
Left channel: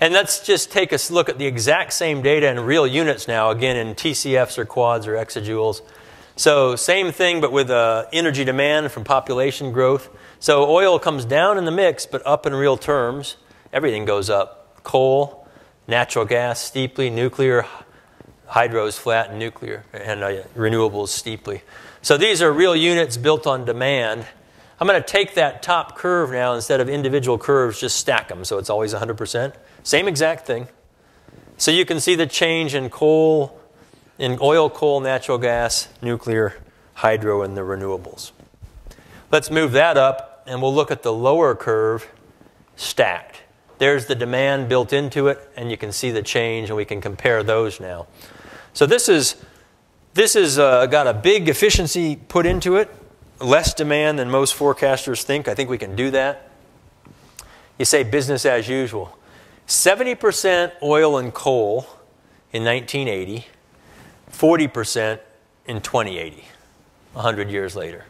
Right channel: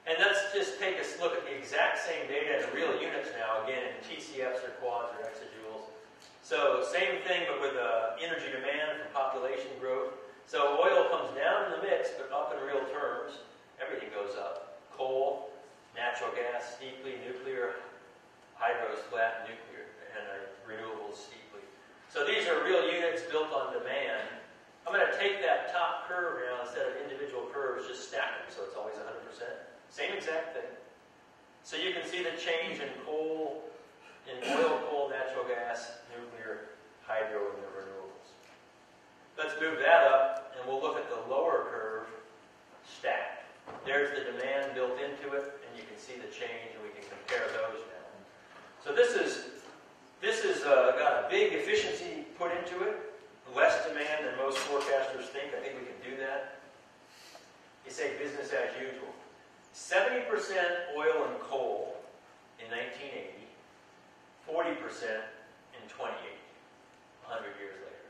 And let's just take a look at the exact same data in real units now, again in TCFs or quads or exajoules. So same thing, but with energy demand from population growth. So oil comes down in the mix, but up in real terms. Everything goes up. Coal, natural gas steeply, nuclear, hydro's flat, and nuclear, and renewables steeply. So these are real units built on demand. I'm going to take that top curve now, instead of individual curves, just stack them, so it's always 100%. Same exact thing. So you can see the change in coal, in oil, coal, natural gas, nuclear, hydro, and the renewables. Let's move that up, and we'll look at the lower curve stacked. There's the demand built into it, and you can see the change, and we can compare those now. So this is got a big efficiency put into it, less demand than most forecasters think. I think we can do that. You say business as usual. 70% oil and coal in 1980, 40% in 2080, 100 years later.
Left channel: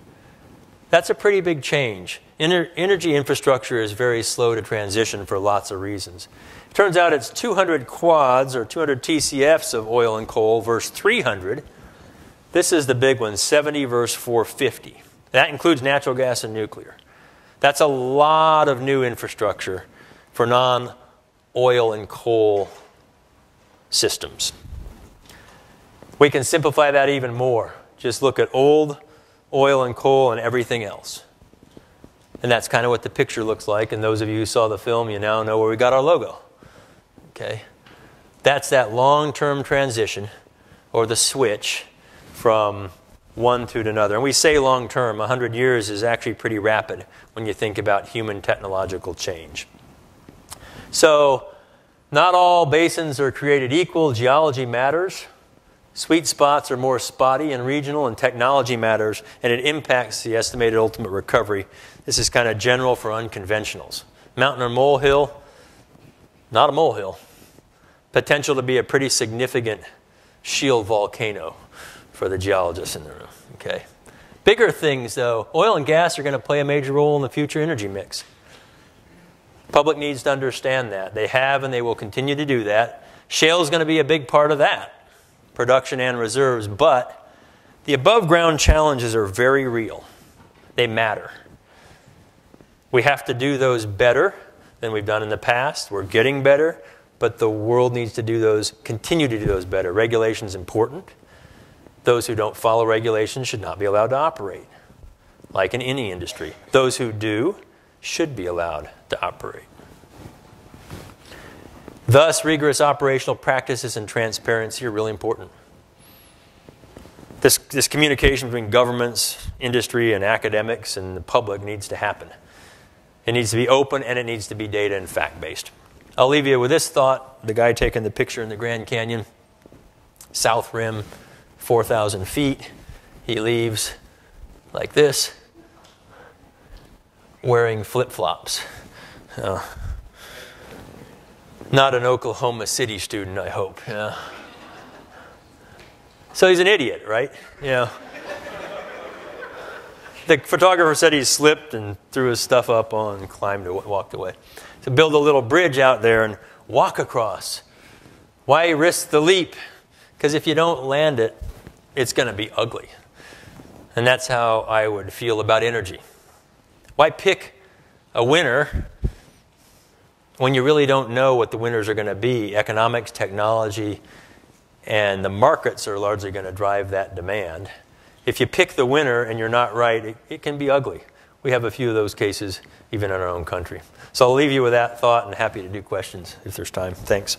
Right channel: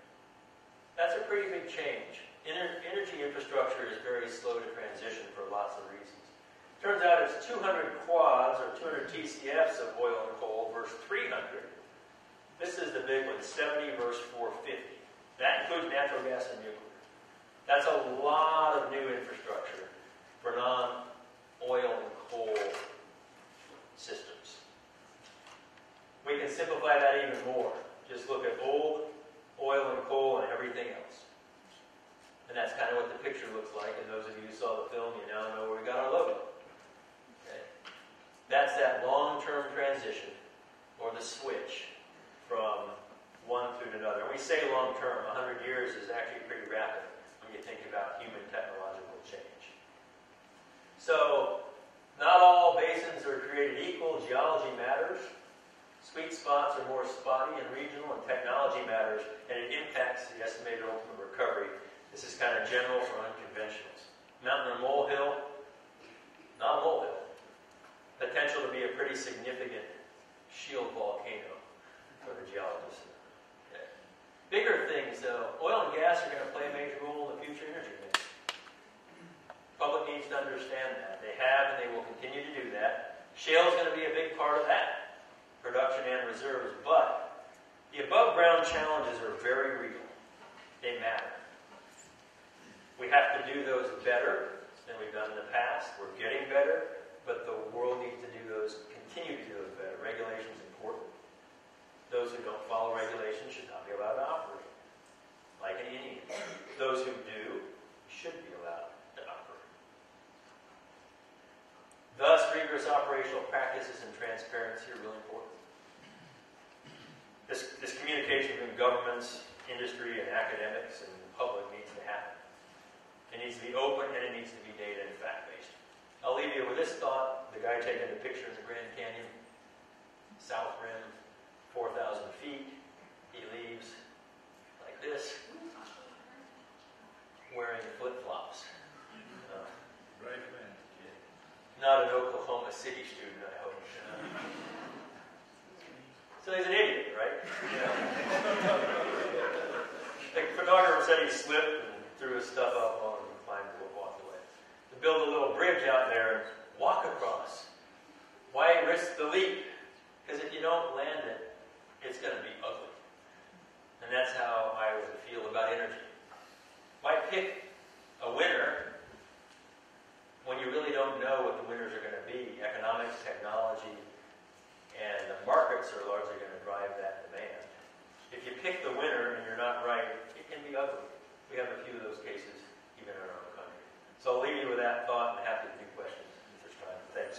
That's a pretty big change. Energy infrastructure is very slow to transition for lots of reasons. It turns out it's 200 quads or 200 TCFs of oil and coal versus 300. This is the big one, 70 versus 450. That includes natural gas and nuclear. That's a lot of new infrastructure for non-oil and coal systems. We can simplify that even more. Just look at old oil and coal and everything else. And that's kind of what the picture looks like. And those of you who saw the film, you now know where we got our logo. Okay? That's that long-term transition, or the switch, from one to another. And we say long-term. 100 years is actually pretty rapid when you think about human technological change. So not all basins are created equal. Geology matters. Sweet spots are more spotty and regional, and technology matters, and it impacts the estimated ultimate recovery. This is kind of general for unconventionals. Mountain or molehill, not a molehill. Potential to be a pretty significant shield volcano for the geologists in the room. Okay. Bigger things, though, oil and gas are going to play a major role in the future energy mix. Public needs to understand that. They have and they will continue to do that. Shale is going to be a big part of that, production and reserves, but the above ground challenges are very real. They matter. We have to do those better than we've done in the past. We're getting better, but the world needs to do those, continue to do those better. Regulation is important. Those who don't follow regulations should not be allowed to operate, like in any industry. Those who do should be allowed to operate. Thus, rigorous operational practices and transparency are really important. This communication between governments, industry, and academics and the public needs to happen. It needs to be open, and it needs to be data and fact-based. I'll leave you with this thought. The guy taking the picture in the Grand Canyon, South Rim, 4,000 feet. He leaves like this, wearing flip-flops. Not an Oklahoma City student, I hope. Yeah. So he's an idiot, right? Yeah. The photographer said he slipped and threw his stuff up on and climbed and walked away. So build a little bridge out there and walk across. Why risk the leap? Because if you don't land it, it's going to be ugly. And that's how I would feel about energy. Why pick a winner when you really don't know what the winners are going to be? Economics, technology, and the markets are largely going to drive that demand. If you pick the winner and you're not right, it can be ugly. We have a few of those cases even in our own country. So I'll leave you with that thought and happy to do questions if there's time. Thanks.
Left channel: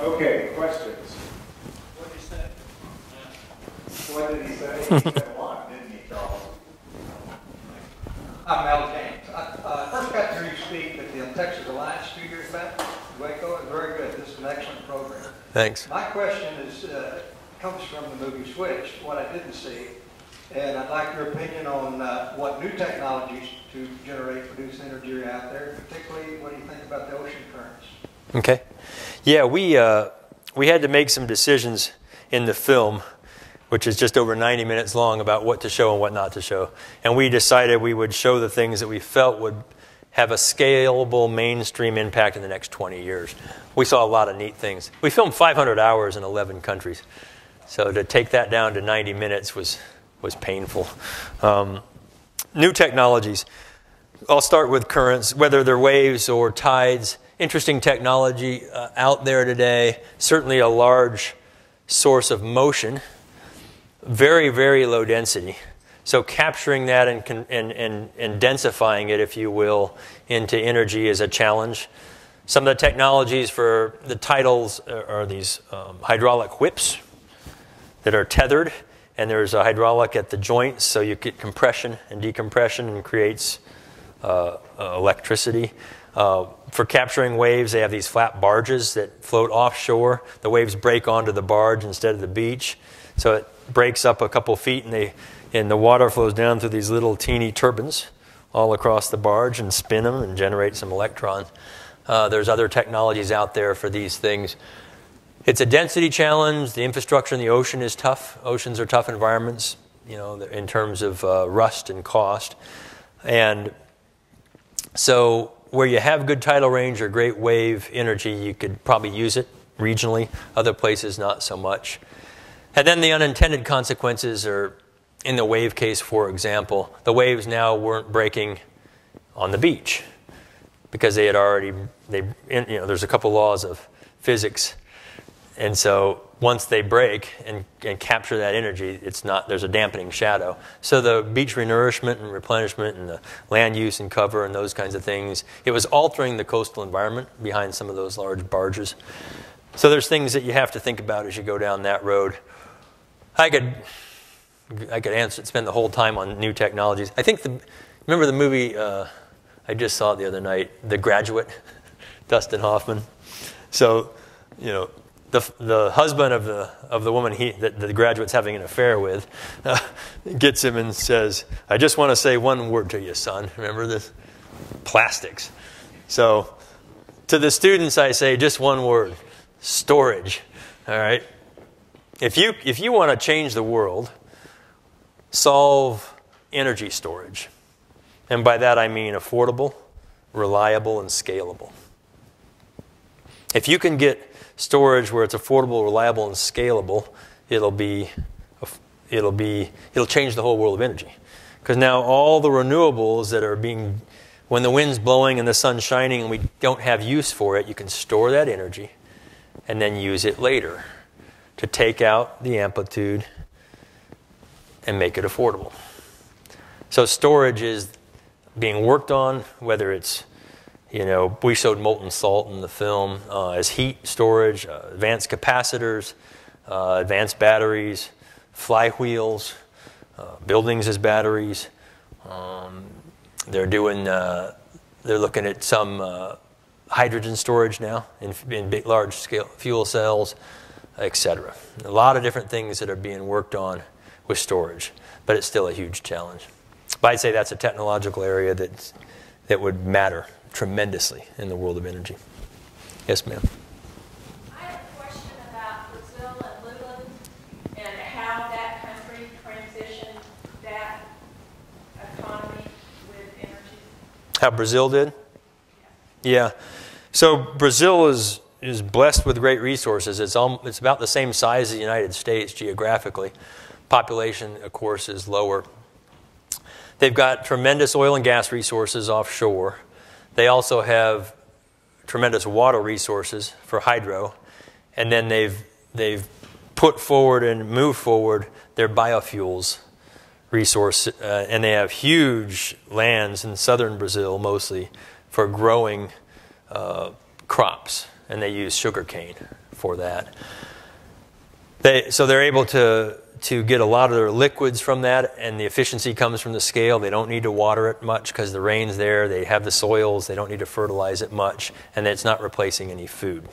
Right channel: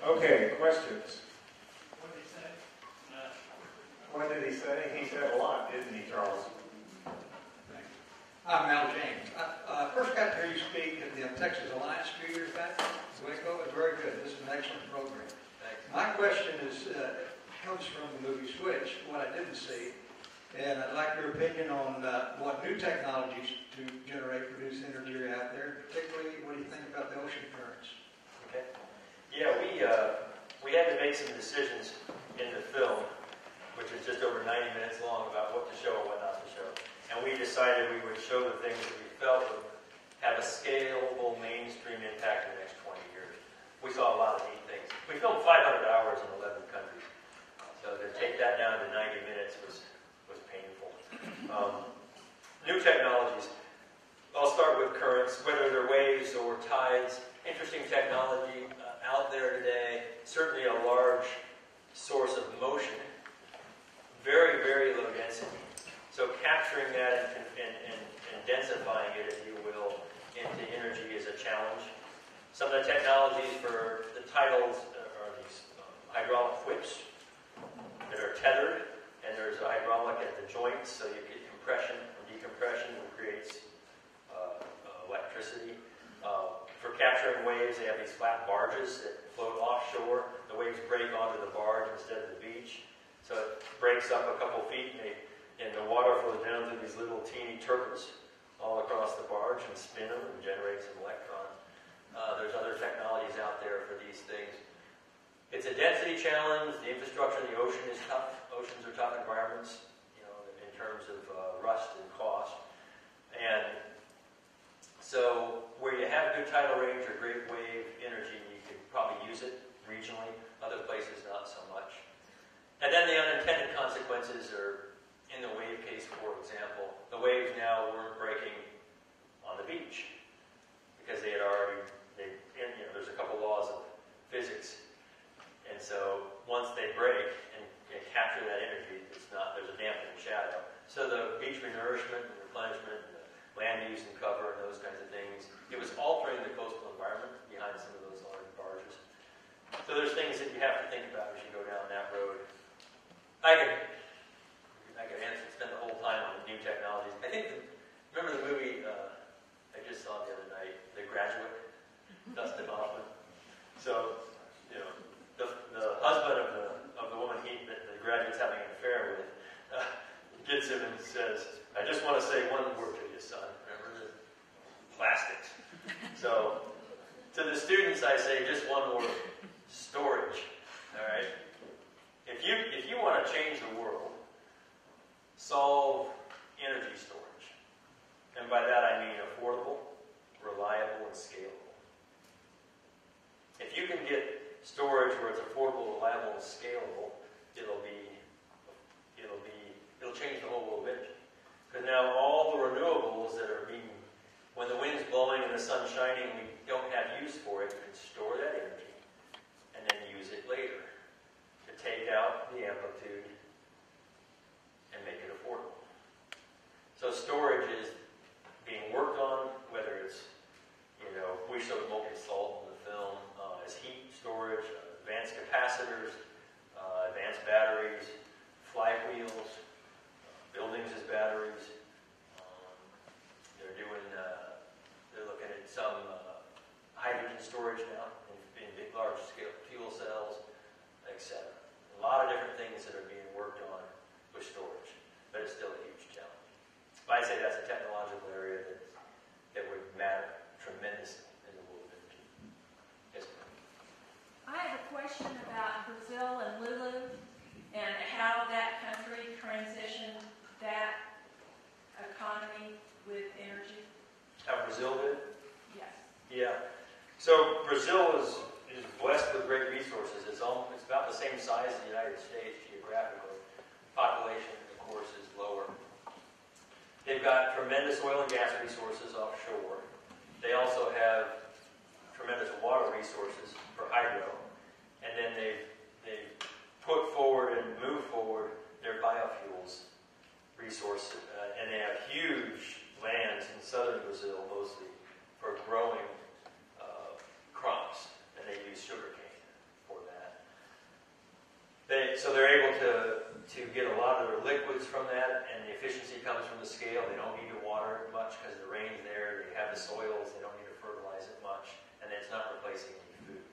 Okay, questions? What did he say? What did he say? He said a lot, didn't he, Charles? I'm Mel James. First got to hear you speak at the Texas Alliance a few years back. Waco is very good. This is an excellent program. Thanks. My question is comes from the movie Switch, what I didn't see, and I'd like your opinion on what new technologies to produce energy are out there. Particularly, what do you think about the ocean currents? Okay. Yeah, we had to make some decisions in the film, which is just over 90 minutes long, about what to show and what not to show. And we decided we would show the things that we felt would have a scalable mainstream impact in the next 20 years. We saw a lot of neat things. We filmed 500 hours in 11 countries. So to take that down to 90 minutes was painful. New technologies. I'll start with currents, whether they're waves or tides. Interesting technology out there today. Certainly a large source of motion. Very, very low density. So capturing that and densifying it, if you will, into energy is a challenge. Some of the technologies for the tidals are these hydraulic whips that are tethered, and there's a hydraulic at the joints, so you get compression and decompression and creates electricity. For capturing waves, they have these flat barges that float offshore. The waves break onto the barge instead of the beach. So it breaks up a couple feet, and the water flows down through these little teeny turbines all across the barge and spin them and generate some electrons. There's other technologies out there for these things. It's a density challenge. The infrastructure in the ocean is tough. Oceans are tough environments, in terms of rust and cost. And so where you have good tidal range or great wave energy, you could probably use it regionally. Other places, not so much. And then the unintended consequences are, in the wave case, for example, the waves now weren't breaking on the beach because they had already, there's a couple laws of physics And so once they break and capture that energy, there's a dampening shadow. So the beach renourishment and replenishment and the land use and cover and those kinds of things, it was altering the coastal environment behind some of those large barges. So there's things that you have to think about as you go down that road. I could spend the whole time on new technologies. I think remember the movie, I just saw it the other night, The Graduate, Dustin Hoffman. So, the husband of the woman that the graduate's having an affair with gets him and says, "I just want to say one word to you, son." Remember this? Plastics. So to the students, I say just one word: storage. All right. If you want to change the world, solve energy storage, and by that I mean affordable, reliable, and scalable. If you can get storage where it's affordable, reliable, and scalable, it'll change the whole world of energy. Because now all the renewables that are when the wind's blowing and the sun's shining and we don't have use for it, you can store that energy and then use it later to take out the amplitude and make it affordable. So storage is being worked on, whether it's we showed molten salt in the film as heat storage, advanced capacitors, advanced batteries, flywheels, buildings as batteries. They're looking at some hydrogen storage now in big, large scale fuel cells, etc. A lot of different things that are being worked on with storage, but it's still a huge challenge. But I'd say that's a technological area that would matter tremendously in the world of energy. Yes, ma'am. I have a question about Brazil and Lula and how that country transitioned that economy with energy. How Brazil did? Yes. Yeah. So Brazil is blessed with great resources. It's about the same size as the United States geographically. Population, of course, is lower. They've got tremendous oil and gas resources offshore. They also have tremendous water resources for hydro, and then they've put forward and moved forward their biofuels resource, and they have huge lands in southern Brazil mostly for growing crops, and they use sugarcane for that. So they're able to get a lot of their liquids from that, and the efficiency comes from the scale. They don't need to water it much because the rain's there. They have the soils. They don't need to fertilize it much, and it's not replacing any food.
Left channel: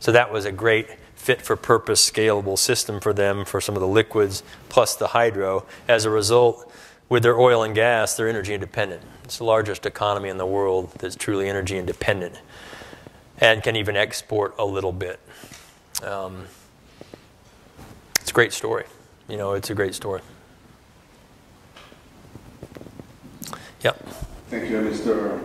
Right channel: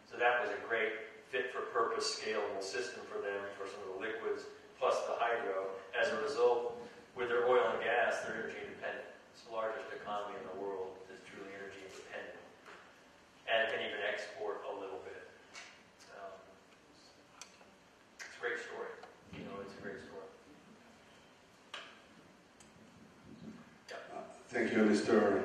So that was a great fit-for-purpose, scalable system for them for some of the liquids plus the hydro. As a result, with their oil and gas, they're energy independent. It's the largest economy in the world that's truly energy independent and can even export a little bit. It's a great story. It's a great story. Yep. Thank you, Mr.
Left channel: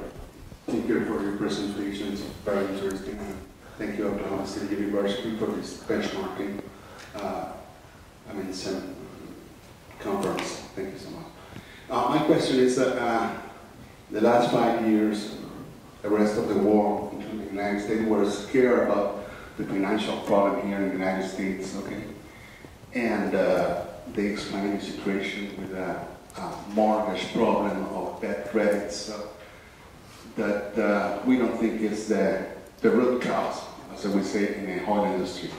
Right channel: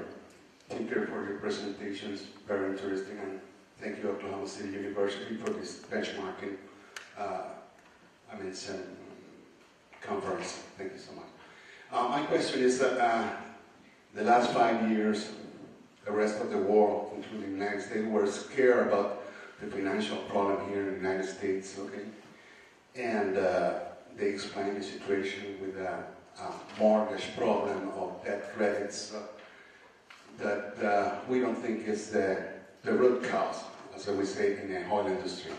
Tinker, for your presentations. Very interesting. And thank you, Oklahoma City University, for this benchmarking. Some conference. Thank you so much. My question is that the last 5 years, the rest of the world, including the United States, were scared about the financial problem here in the United States. Okay. And they explain the situation with a mortgage problem of bad credits that we don't think is the root cause, as we say in the oil industry.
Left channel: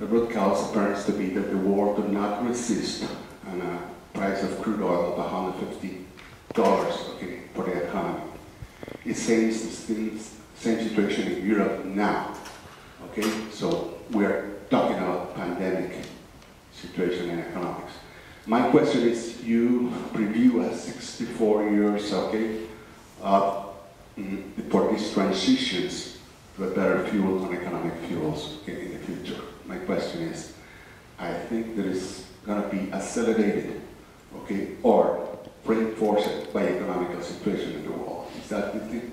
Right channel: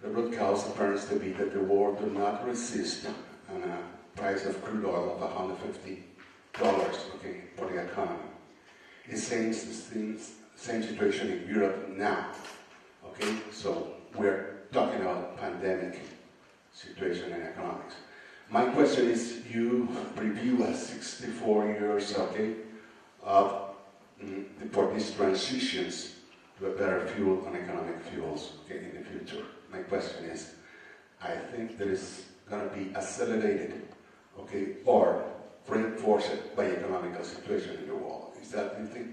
The root cause appears to be that the world did not resist on a price of crude oil of $150 for the economy. It seems the same situation in Europe now. Okay, so we're talking about pandemic situation in economics. My question is, you review 64 years, for these transitions to a better fuel on economic fuels in the future. My question is, I think that is going to be accelerated, or reinforced by economic situation in the world. Is that the thing?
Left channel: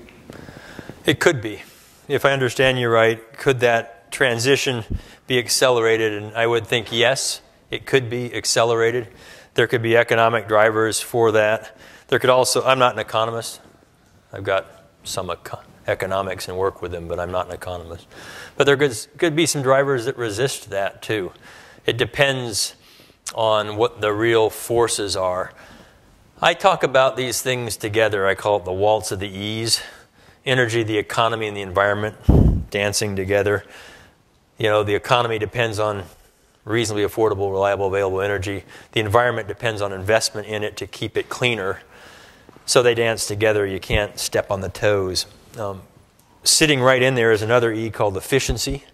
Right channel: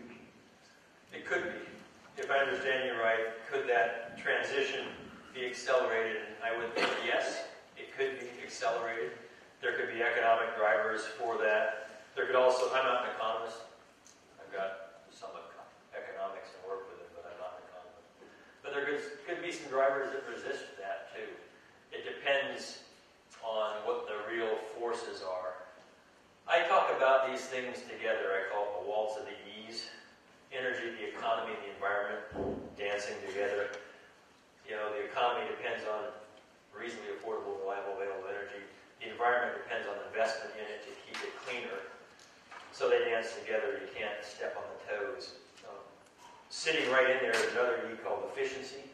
It could be. If I understand you right, could that transition be accelerated? And I would think yes. It could be accelerated. There could be economic drivers for that. There could also, I'm not an economist. I've got some economics and work with them, but I'm not an economist. But there could be some drivers that resist that too. It depends on what the real forces are. I talk about these things together. I call it the waltz of the E's. Energy, the economy, and the environment dancing together. You know, the economy depends on reasonably affordable, reliable, available energy. The environment depends on investment in it to keep it cleaner. So they dance together. You can't step on the toes. Sitting right in there is another E called efficiency,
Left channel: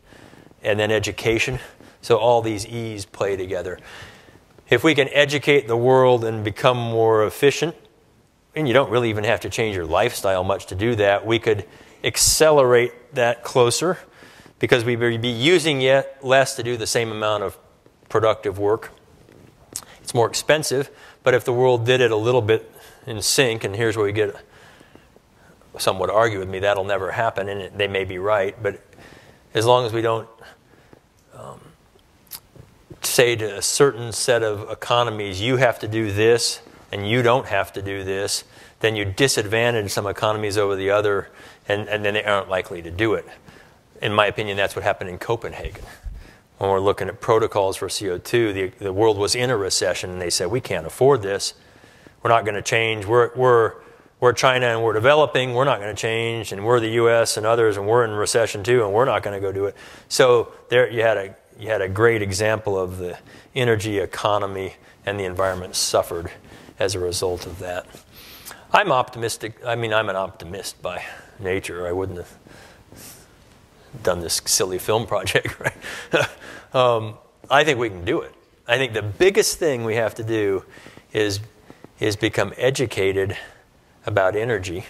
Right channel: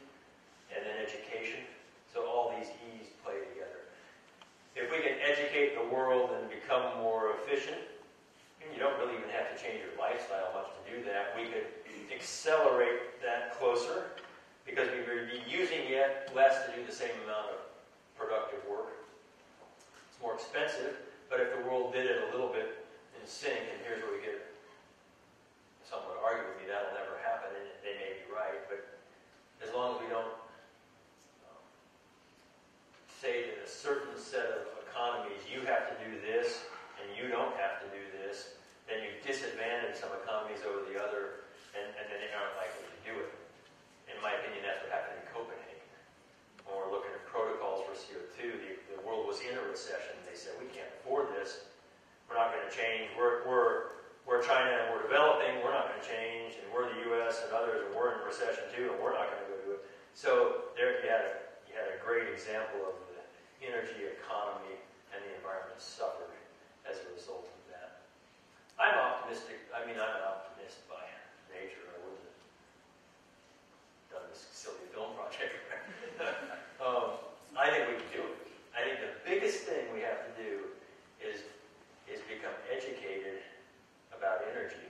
and then education. So all these E's play together. If we can educate the world and become more efficient, and you don't really even have to change your lifestyle much to do that, we could accelerate that closer because we would be using yet less to do the same amount of productive work. It's more expensive, but if the world did it a little bit in sync, and here's where we get, some would argue with me, that'll never happen, and they may be right, but as long as we don't say to a certain set of economies, you have to do this and you don't have to do this, then you disadvantage some economies over the other, and then they aren't likely to do it. In my opinion, that's what happened in Copenhagen. When we're looking at protocols for CO2, the world was in a recession, and they said, we can't afford this. We're not going to change. We're China, and we're developing. We're not going to change, and we're the U.S. and others, and we're in recession too, and we're not going to go do it. So there you had a great example of the energy economy and the environment suffered as a result of that. I'm optimistic. I mean, I'm an optimist by nature. I wouldn't have done this silly film project, right? I think we can do it. I think the biggest thing we have to do is become educated about energy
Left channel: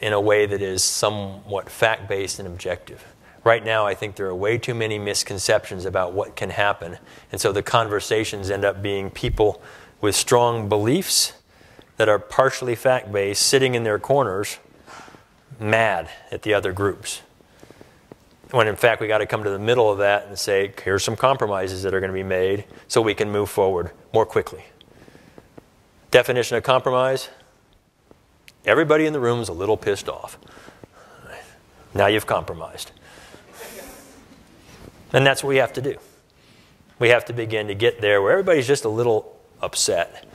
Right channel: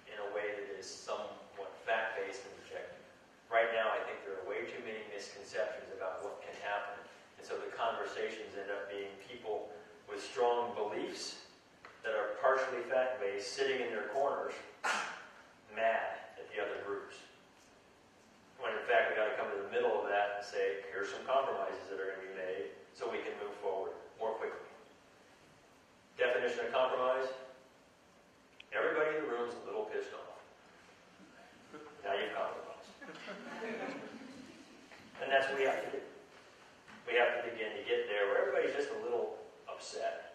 in a way that is somewhat fact-based and objective. Right now, I think there are way too many misconceptions about what can happen, and so the conversations end up being people with strong beliefs that are partially fact-based, sitting in their corners, mad at the other groups. When in fact, we got to come to the middle of that and say, here's some compromises that are going to be made so we can move forward more quickly. Definition of compromise: everybody in the room is a little pissed off. Now you've compromised. And that's what we have to do. We have to begin to get there where everybody's just a little upset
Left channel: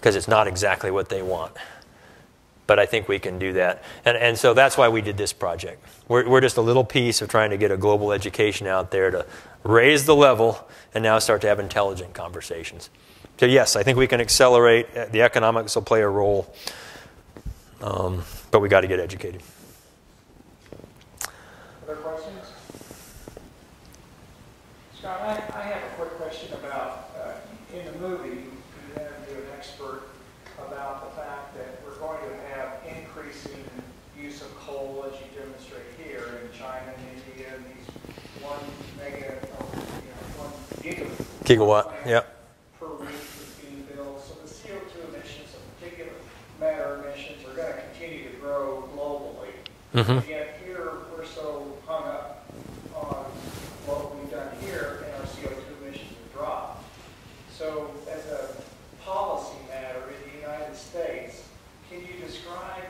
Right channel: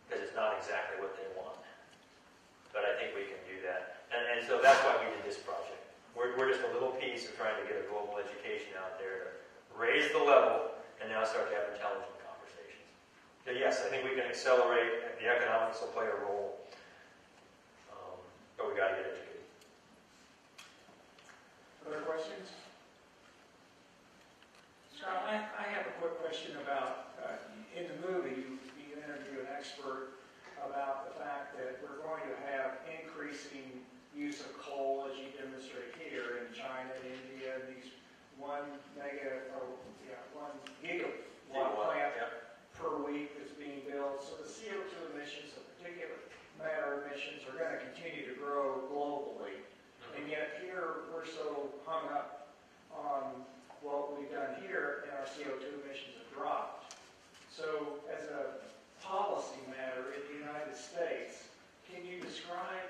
because it's not exactly what they want. But I think we can do that. And so that's why we did this project. We're just a little piece of trying to get a global education out there to raise the level and now start to have intelligent conversations. So yes, I think we can accelerate. The economics will play a role. But we got to get educated. Other questions? Scott, I have a quick question about, in the movie, you interview an expert about the fact that we're going to have increasing use of coal, as you demonstrate here, in China and India, and these 1 gigawatt, yeah. per week is being built. So the CO2 emissions, and particulate matter emissions, are going to continue to grow globally. Mm-hmm. And yet here, we're so hung up on what we've done here, and our CO2 emissions have dropped. So as a policy matter in the United States, can you describe,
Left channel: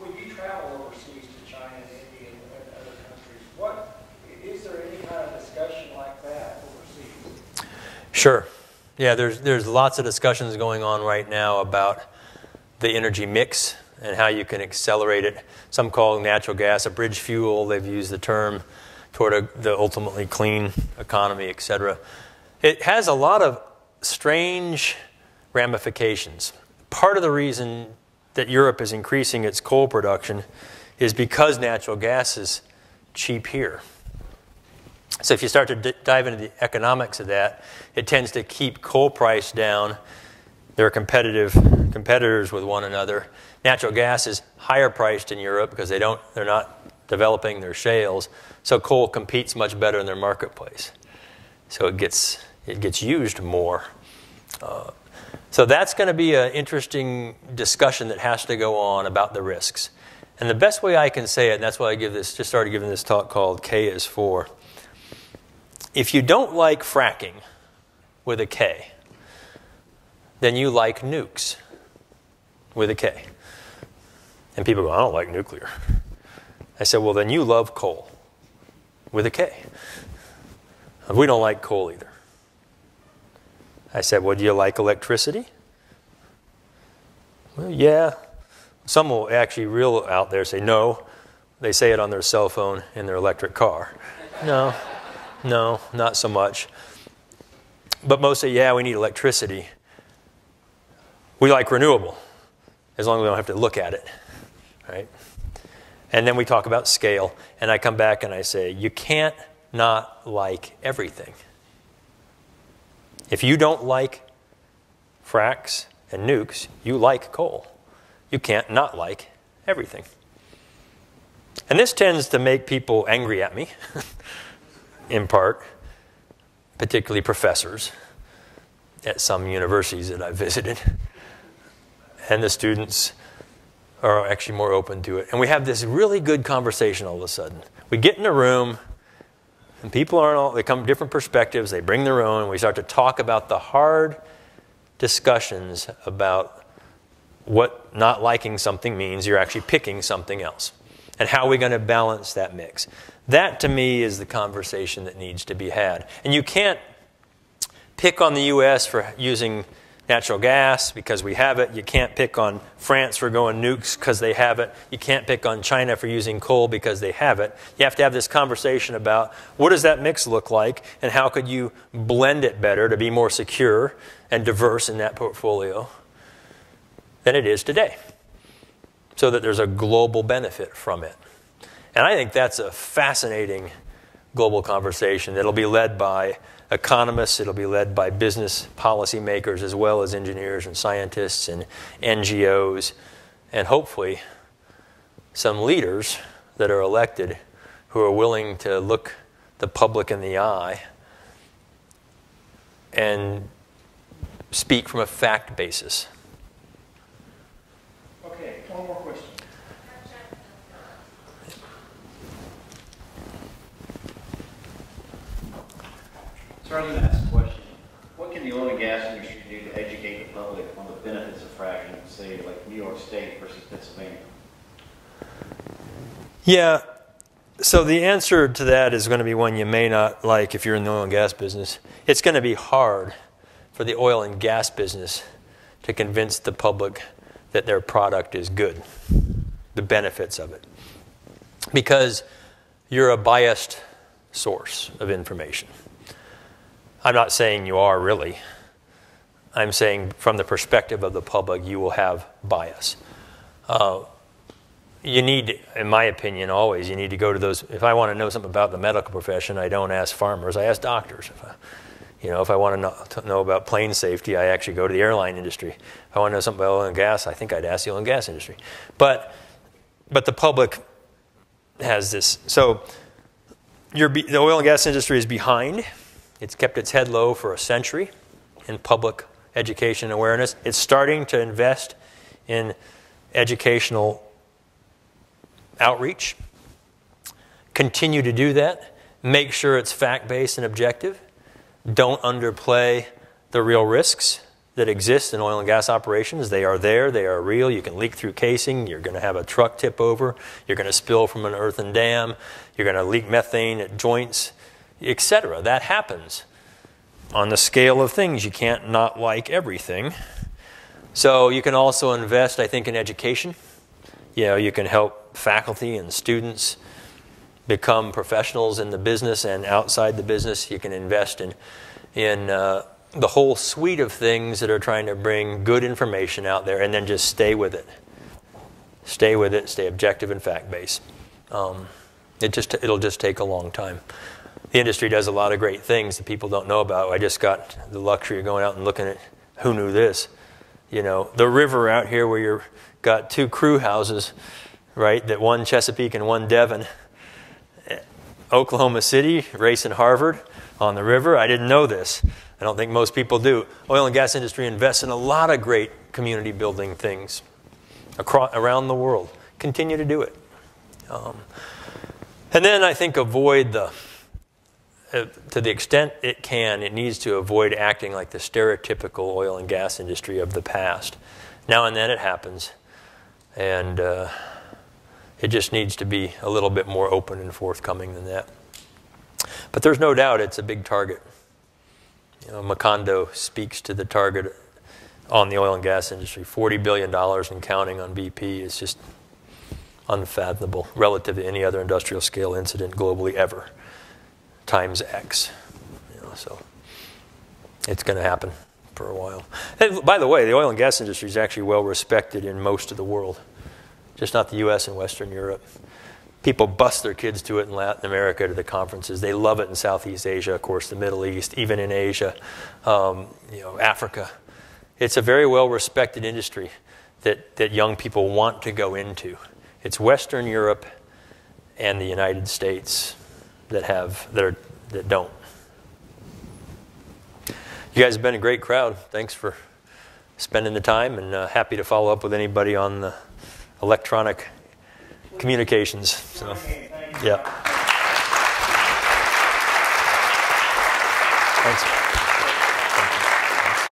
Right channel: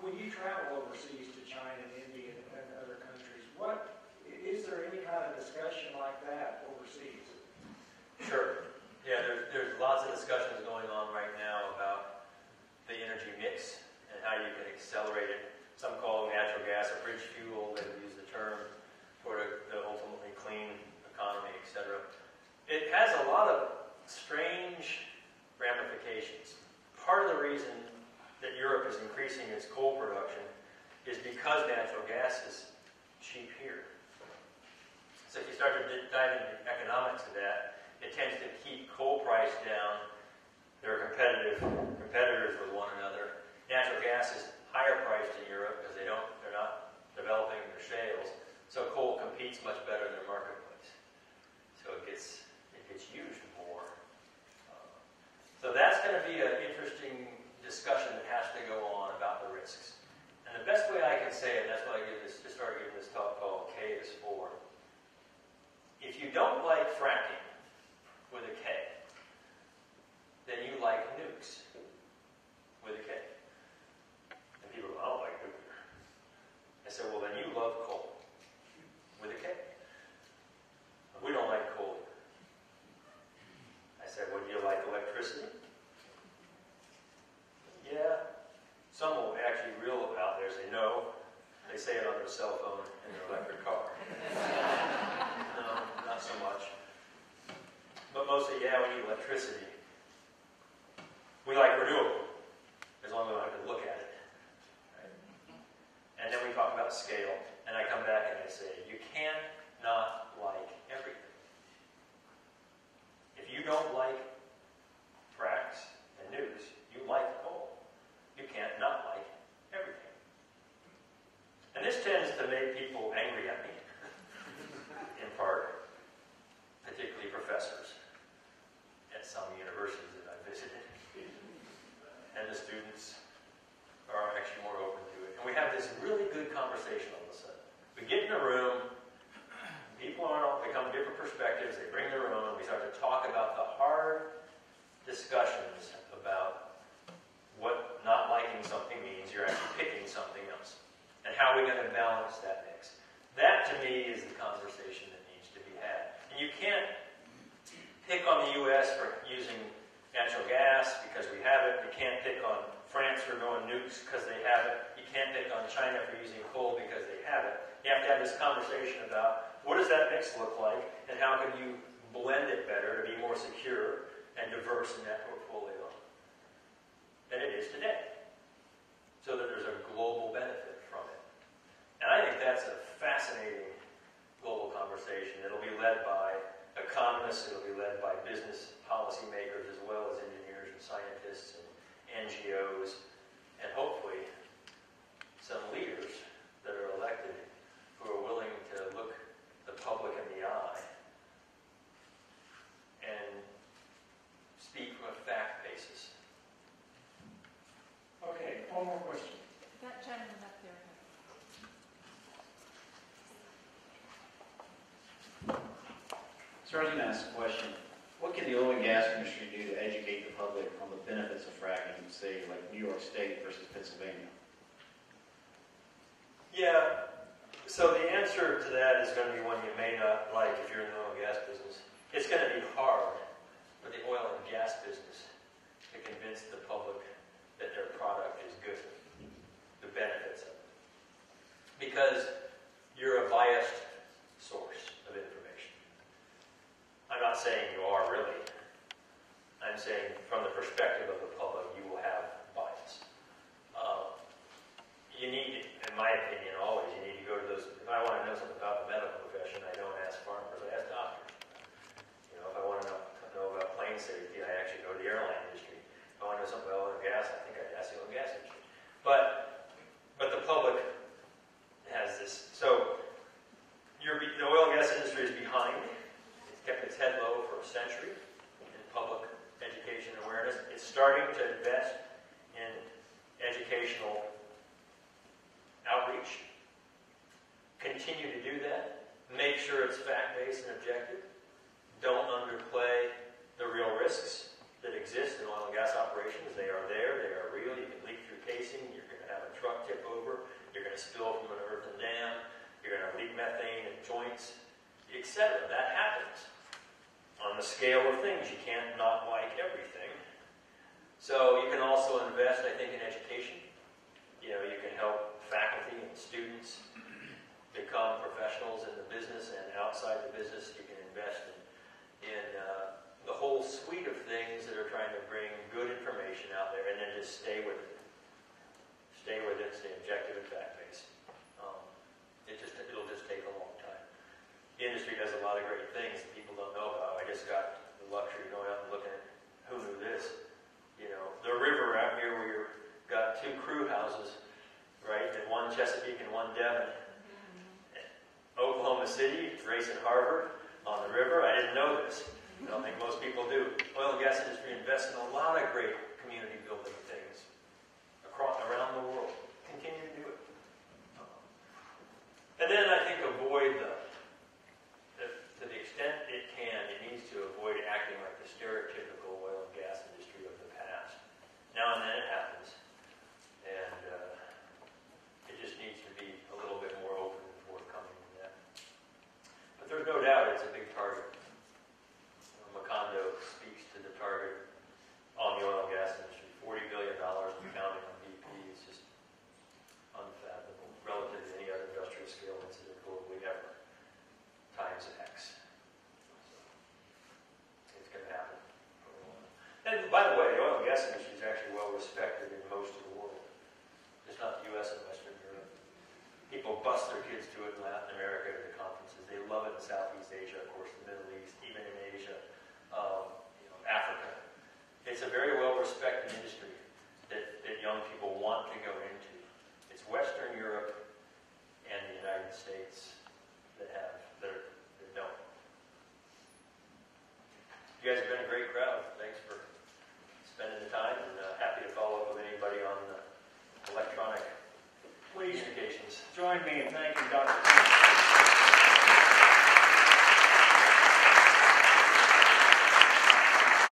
when you travel overseas to China and India and other countries, is there any kind of discussion like that overseas? Sure. Yeah, there's lots of discussions going on right now about the energy mix and how you can accelerate it. Some call natural gas a bridge fuel. They've used the term toward the ultimately clean economy, et cetera. It has a lot of strange ramifications. Part of the reason that Europe is increasing its coal production is because natural gas is cheap here. So if you start to dive into the economics of that, it tends to keep coal price down. They're competitors with one another. Natural gas is higher priced in Europe because they're not developing their shales. So coal competes much better in their marketplace. So it gets used more. So that's going to be an interesting discussion that has to go on about the risks. And the best way I can say it, and that's why I just started giving this talk called K is For. If you don't like fracking with a K, then you like nukes with a K. And people go, I don't like nuclear. I said, well, then you love coal with a K. We don't like coal either. I said, well, do you like electricity? Well, yeah. Some will actually real out there say no. They say it on their cell phone in their electric car. No, not so much. But most say, yeah, we need electricity. We like renewable, as long as we don't have to look at it, right? And then we talk about scale, and I come back and I say, you can't not like everything. If you don't like fracks and nukes, you like coal. You can't not like everything. And this tends to make people angry at me, in part, particularly professors at some universities that I've visited. And the students are actually more open to it. And we have this really good conversation all of a sudden. We get in a room, and people aren't all, they come from different perspectives, they bring their own, and we start to talk about the hard discussions about what not liking something means. You're actually picking something else. And how are we going to balance that mix? That, to me, is the conversation that needs to be had. And you can't pick on the U.S. for using natural gas because we have it. You can't pick on France for going nukes because they have it. You can't pick on China for using coal because they have it. You have to have this conversation about what does that mix look like and how could you blend it better to be more secure and diverse in that portfolio than it is today, so that there's a global benefit from it. And I think that's a fascinating global conversation that'll be led by economists, it'll be led by business policymakers, as well as engineers and scientists and NGOs, and hopefully some leaders that are elected who are willing to look the public in the eye and speak from a fact basis. Okay, one more question. Sir, I'm going to ask a question. What can the oil and gas industry do to educate the public on the benefits of fracking in, say, like New York State versus Pennsylvania? Yeah, so the answer to that is going to be one you may not like if you're in the oil and gas business. It's going to be hard for the oil and gas business to convince the public that their product is good, the benefits of it, because you're a biased source of information. I'm not saying you are really. I'm saying from the perspective of the public, you will have bias. You need, in my opinion, always, you need to go to those. If I want to know something about the medical profession, I don't ask farmers, I ask doctors. If I want to know about plane safety, I actually go to the airline industry. If I want to know something about oil and gas, I think I'd ask the oil and gas industry. But the public has this. So the oil and gas industry is behind. It's kept its head low for a century in public education and awareness. It's starting to invest in educational outreach. Continue to do that. Make sure it's fact-based and objective. Don't underplay the real risks that exist in oil and gas operations. They are there. They are real. You can leak through casing. You're going to have a truck tip over. You're going to spill from an earthen dam. You're going to leak methane at joints, etc. That happens. On the scale of things, you can't not like everything. So you can also invest, I think, in education. You can help faculty and students become professionals in the business and outside the business. You can invest in the whole suite of things that are trying to bring good information out there, and then just stay with it. Stay with it. Stay objective and fact-based. It'll just take a long time. The industry does a lot of great things that people don't know about. I just got the luxury of going out and looking at who knew this. The river out here where you've got two crew houses, right? That one Chesapeake and one Devon. Oklahoma City, racing Harvard on the river. I didn't know this. I don't think most people do. Oil and gas industry invests in a lot of great community building things around the world. Continue to do it. And then I think avoid to the extent it can, it needs to avoid acting like the stereotypical oil and gas industry of the past. Now and then it happens. And it just needs to be a little bit more open and forthcoming than that. But there's no doubt it's a big target. You know, Macondo speaks to the target on the oil and gas industry. $40 billion and counting on BP is just unfathomable relative to any other industrial scale incident globally ever, times X. You know, so it's going to happen for a while. And by the way, the oil and gas industry is actually well respected in most of the world, just not the US and Western Europe. People bust their kids to it in Latin America to the conferences. They love it in Southeast Asia, of course, the Middle East, even in Asia, you know, Africa. It's a very well respected industry that young people want to go into. It's Western Europe and the United States that don't. You guys have been a great crowd. Thanks for spending the time, and happy to follow up with anybody on the electronic communications. So, yeah. Thanks.